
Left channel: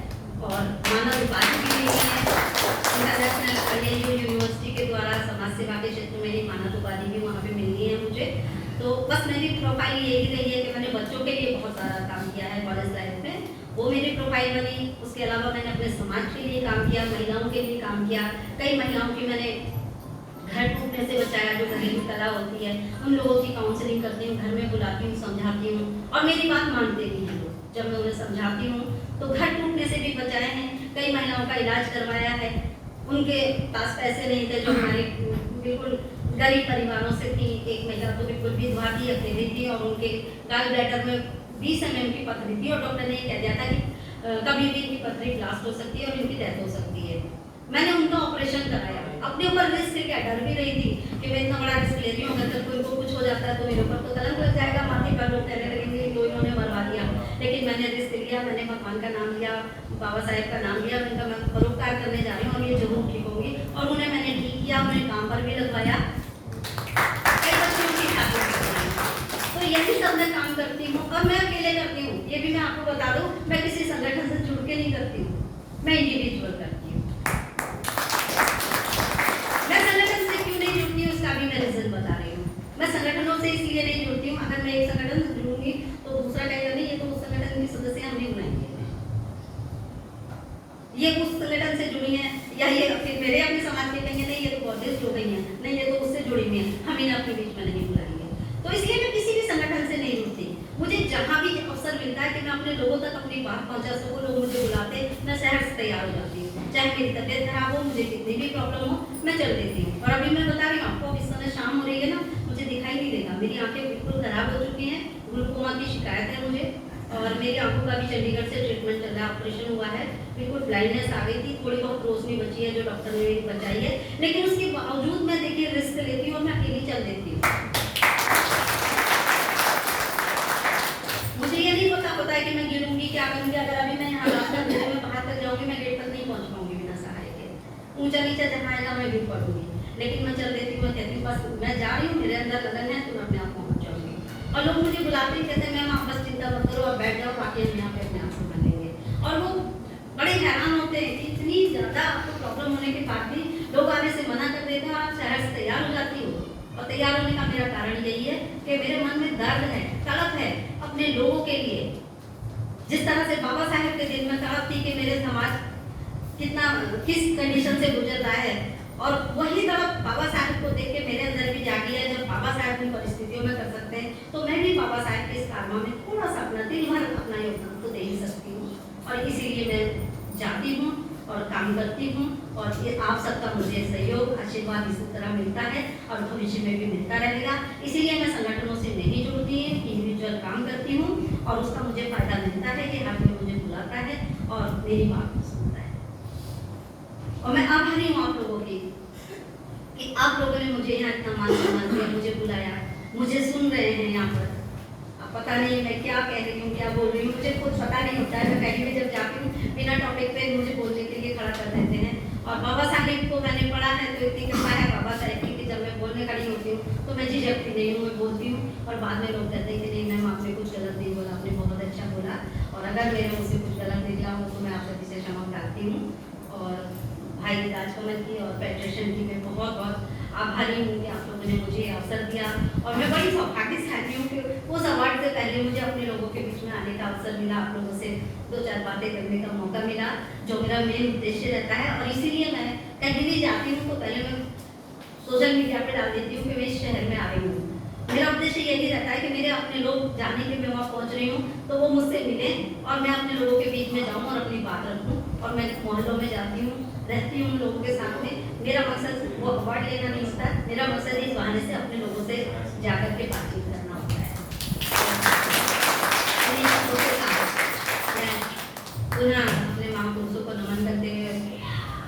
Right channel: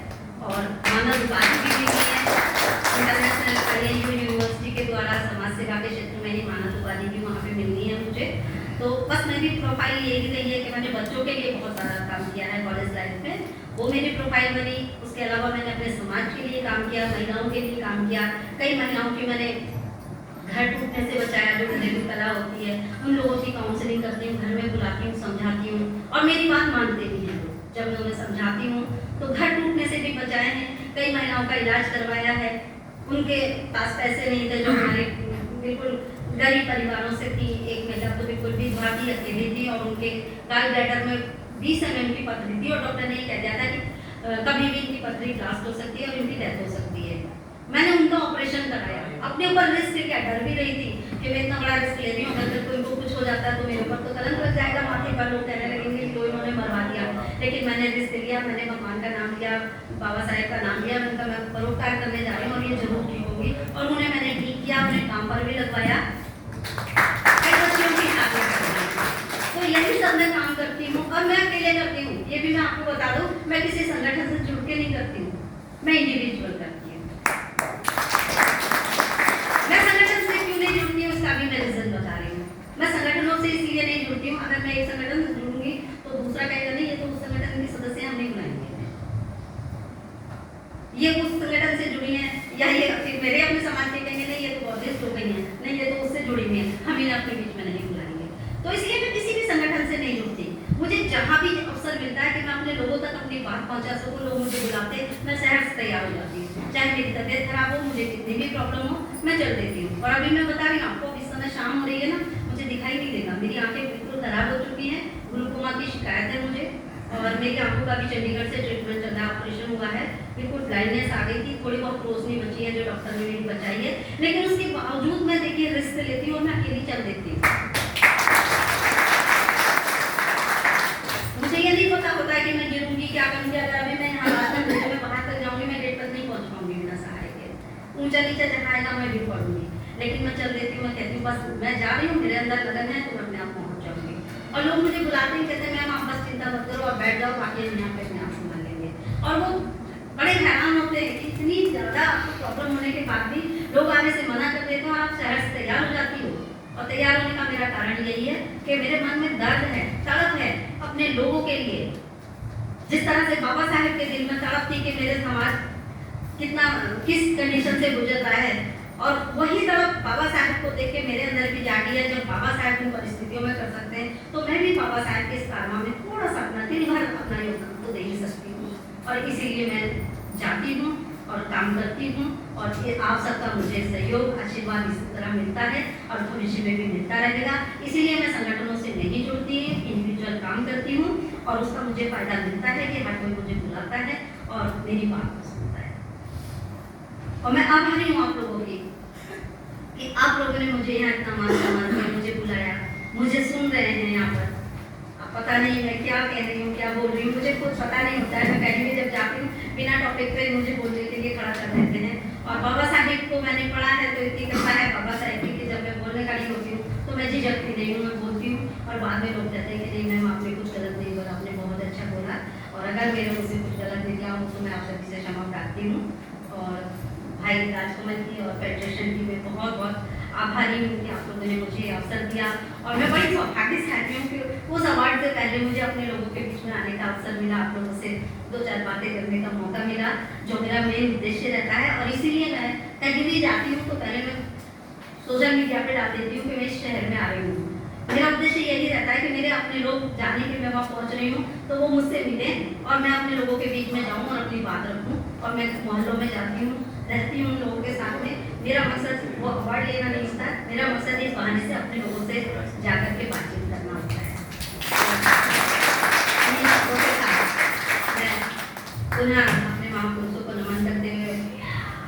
और मानव उपाधि भी मिली है इंटरनेशनल आईआईयू यूनिवर्सिटी के द्वारा। समाज सेवा के क्षेत्र में ये मानव उपाधि भी वहाँ पे मिलनी है मुझे। तो बस मेरी प्रोफाइल यही रही है कि मैंने बच्चों के लिए बहुत सारा काम किया है कॉलेज लाइफ में, वो मेरी प्रोफाइल बनी। उसके अलावा मैंने अपने समाज के लिए काम किया, महिलाओं के लिए काम किया, कई महिलाओं की मैंने घर टूटने से बचाया, जो घरेलू कला होती है, उन लोगों की काउंसलिंग करती हूँ, घर में बुलाती हूँ, समझाती हूँ, और मेरी बात मानते भी हैं वो। जब मैं उन्हें समझाती हूँ तो घर टूटने से भी बचाए हैं, कई महिलाओं का इलाज करवाया है, उनके पास पैसे नहीं थे, जो हमारे बिल्कुल गरीब परिवारों से थी। एक महिला तो बिल्कुल विधवा थी, अकेली थी, और उनके गाल ब्लैडर में 20 mm की पथरी थी, और डॉक्टर ने ये कह दिया था कि कभी भी इनकी पथरी ब्लास्ट हो सकती है और इनकी डेथ हो सकती है। मैंने उनका ऑपरेशन कराया, अपने ऊपर रिस्क क्या, डर भी रही थी कि मैं इतना बड़ा रिस्क ले रही हूँ, अगर कोई को कुछ हो जाता है तो मेरे ऊपर तो कलंक लग जाएगा, माथे पर लोग कहने लगेंगे कि उन्होंने मरवा दिया। लेकिन मैंने रिस्क लिया, मैंने भगवान का नाम लिया, बाबा साहेब का नाम लिया, उनका मैं परोपकार करने जा रही हूँ और ये जरूर ठीक होगी। और उन्हें मैंने ठीक किया, उन्हें काम पर भी लगवाया, कई बच्चों की शादी करवाई। तो यही सब मैं काम करती हूँ, और मैं अकेले करती हूँ। ये भी मैं आपको बता दूँ, मैं किसी संगठन से जुड़ के नहीं करती हूँ, मैं इंडिविजुअल करती हूँ। मैं संगठन से क्यों नहीं मैं संगठनों से इसलिए नहीं जुड़ती हूँ, अगर मैं एक संगठन से जुड़ूंगी तो दूसरा कहेगा नहीं ये तो उस संगठन के सदस्य हम नहीं बुलाएंगे, ये उस संगठन से जुड़ी है, या ये फिर मेरे अपने समाज के कहेंगे नहीं ये तो बहुत हो गई है, नहीं ये तो उससे जुड़ी हुई है, हम इन्हें अपने बीच में नहीं बुलाएंगे। तो इसलिए मैं किसी भी संगठन से नहीं जुड़ती। मुझे जहाँ भी अवसर मिलता है कि मैं अपने लोगों तक अपनी बात पहुँचा सकूँ, लोग मुझे बुलाते, मैं शहर से तैयार हो जाती हूँ, चाहे मेरी तबीयत खराब हो, मुझे कितनी भी प्रॉब्लम हो, मैं चल देती हूँ। और अभी मैं बता रही हूँ आपको, इस समय शाम हो रही है ना, मुझे दिखाई नहीं देगा, मेरी आंखें बिल्कुल खराब हो चुकी हैं, ग्लूकोमा की शिकायत है मुझे, और मेरी आंखों का भी चंडीगढ़ से ट्रीटमेंट चल रहा है, ऑपरेशन हुआ है, बिल्कुल ब्लाइंडनेस आ गई थी, थोड़ी बहुत रोशनी बची है जो डॉक्टर ने मेरी बचाई है, लेकिन उसके बावजूद मैं देखिए रिस्क लेती हूँ और मैं अकेली चल देती हूँ। मुझे ये नहीं पता होता है कि मैं गिरूंगी क्या करूंगी, अगर अभी मैं यहाँ मैं बाहर तक जाऊंगी, मैं गेट तक नहीं पहुंच पाऊंगी बिना सहारे के, ऊंचा नीचा जहाँ आएगा मैं भी पढ़ूंगी, लेकिन मैं चल देती हूँ, कहती हूँ बस मैं जा रही हूँ, मेरे अंदर लगन है तो मैं अपने आप पहुंच जाऊंगी। और लोग मुझे बुलाते हैं, कहते हैं मैम आप बस चिंता मत करो, आप बैठ जाओ, बाकी हम यहाँ पे अपने आप को कर लेंगे। और वो बड़े हैरान होते हैं कि इतनी ज़्यादा आपको प्रॉब्लम होने के बाद भी लोग आने से मना कर देते हैं और आप शहर से तैयार हो जाती हो। और तैयार होने का मेरा कारण यही है कि मेरे मन में दर्द है, तड़प है अपने लोगों के लिए। जिस तरह से बाबा साहेब के दिल में तड़प थी कि मेरे समाज किस कंडीशन से गुजर रहा है, और वही तड़प बाबा साहेब को देख के मेरे अंदर भी जागी है। जब बाबा साहेब उन परिस्थितियों में कर सकते हैं तो मैं भी बाबा साहेब के इस कारनामे में थोड़ा सा अपना दिल भर अपना योगदान तो दे ही सकती हूँ, और इसीलिए मैं जाती हूँ और काम करती हूँ, और ये आप सबका मुझे सहयोग आशीर्वाद इसी तरह मिलता है और भविष्य में भी मिलता रहेगा। इसीलिए मैं संगठनों से नहीं जुड़ती, इंडिविजुअल काम करती हूँ, और उसका मुझे फायदा मिलता है कि हर कोई मुझे बुलाता है और मेरी बात सुनता है। और मैं आभारी हूँ आप लोगों की कि आप लोगों ने मुझे यहाँ इतना मान सम्मान दिया, मुझे बुलाया, मुझे सुन रहे हैं यहाँ पर। अब पता नहीं मैं क्या कह रही हूँ, क्या बोल रही हूँ, मुझे खुद पता नहीं होता है। मैं कहीं भी जब जाती हूँ बिना टॉपिक पे मुझे बोलने के लिए खड़ा कर देते हैं। और बाबा साहेब को मैंने पढ़ा है तो इतनी कृपा है बाबा साहेब की कि जब मैं बोलने खड़ी होती हूँ तो मैं झिझकती नहीं हूँ, मैं बोलती हूँ। और बाद में लोग कहते हैं कि नहीं मैम आपने कुछ गलत नहीं बोला, आपने बहुत अच्छा बोला, और अगर मेरे मुझसे कुछ गलत निकला हो तो मैं आप सभी से क्षमा चाहती हूँ। और भाई राजकमल की और फेडरेशन की मैं बहुत बहुत आभारी हूँ कि आप लोगों ने मुझे अवसर दिया, और मैं बड़ी भाग्यशाली हूँ कि उस अवार्ड से पहले मुझे अपने लोगों के बीच में आने का अवसर मिला, आप लोगों से दो चार बातें करने का मौका मिला, जो मेरा मेन उद्देश्य रहता है। और इसीलिए मैं कहीं भी जाती हूँ तो पहले मैं सोशल मीडिया पे डाल देती हूँ कि मैं इस शहर में आ रही हूँ। मेरा उद्देश्य यही रहता है कि मेरे अपने लोग जाने के मैं वहाँ पहुँच रही हूँ तो वो मुझसे मिलें और मैं अपने लोगों के बीच में जाऊँ और अपनी बात रखूँ। और मैं मोहल्लों में जाती हूँ, रहती हूँ लोगों के साथ में। मेरा मकसद वो अवार्ड लेना नहीं होता, मेरा मकसद इस बहाने से अपने लोगों से जाकर के बातचीत करना होता है। मैं पुनः अपने महापुरुषों को नमन करते हुए,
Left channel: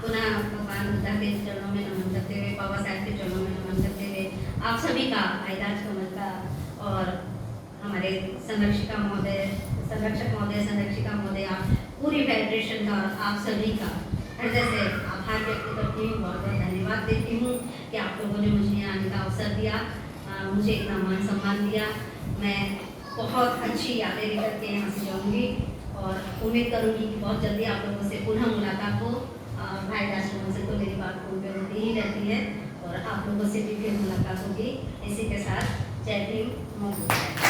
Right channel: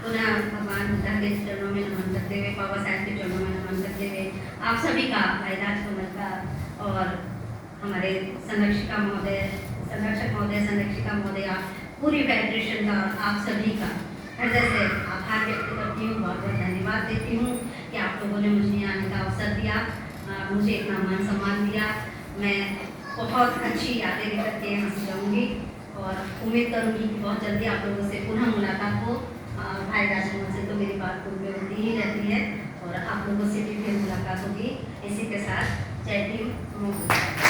पुनः भगवान बुद्ध के चरणों में नमन करते हुए, बाबा साहेब के चरणों में नमन करते हुए, आप सभी का, भाई राजकमल का और हमारे संरक्षक महोदय, संरक्षिका महोदय, पूरी फेडरेशन का और आप सभी का हृदय से आभार व्यक्त करती हूँ, बहुत बहुत धन्यवाद देती हूँ कि आप लोगों ने मुझे यहाँ आने का अवसर दिया, मुझे इतना मान सम्मान दिया। मैं बहुत अच्छी यादें लेकर के यहाँ से जाऊँगी और उम्मीद करूँगी कि बहुत जल्दी आप लोगों से पुनः मुलाकात हो। भाई राजकमल से तो मेरी बात होती ही रहती है और आप लोगों से भी फिर मुलाकात होगी। इसी के साथ जय भीम।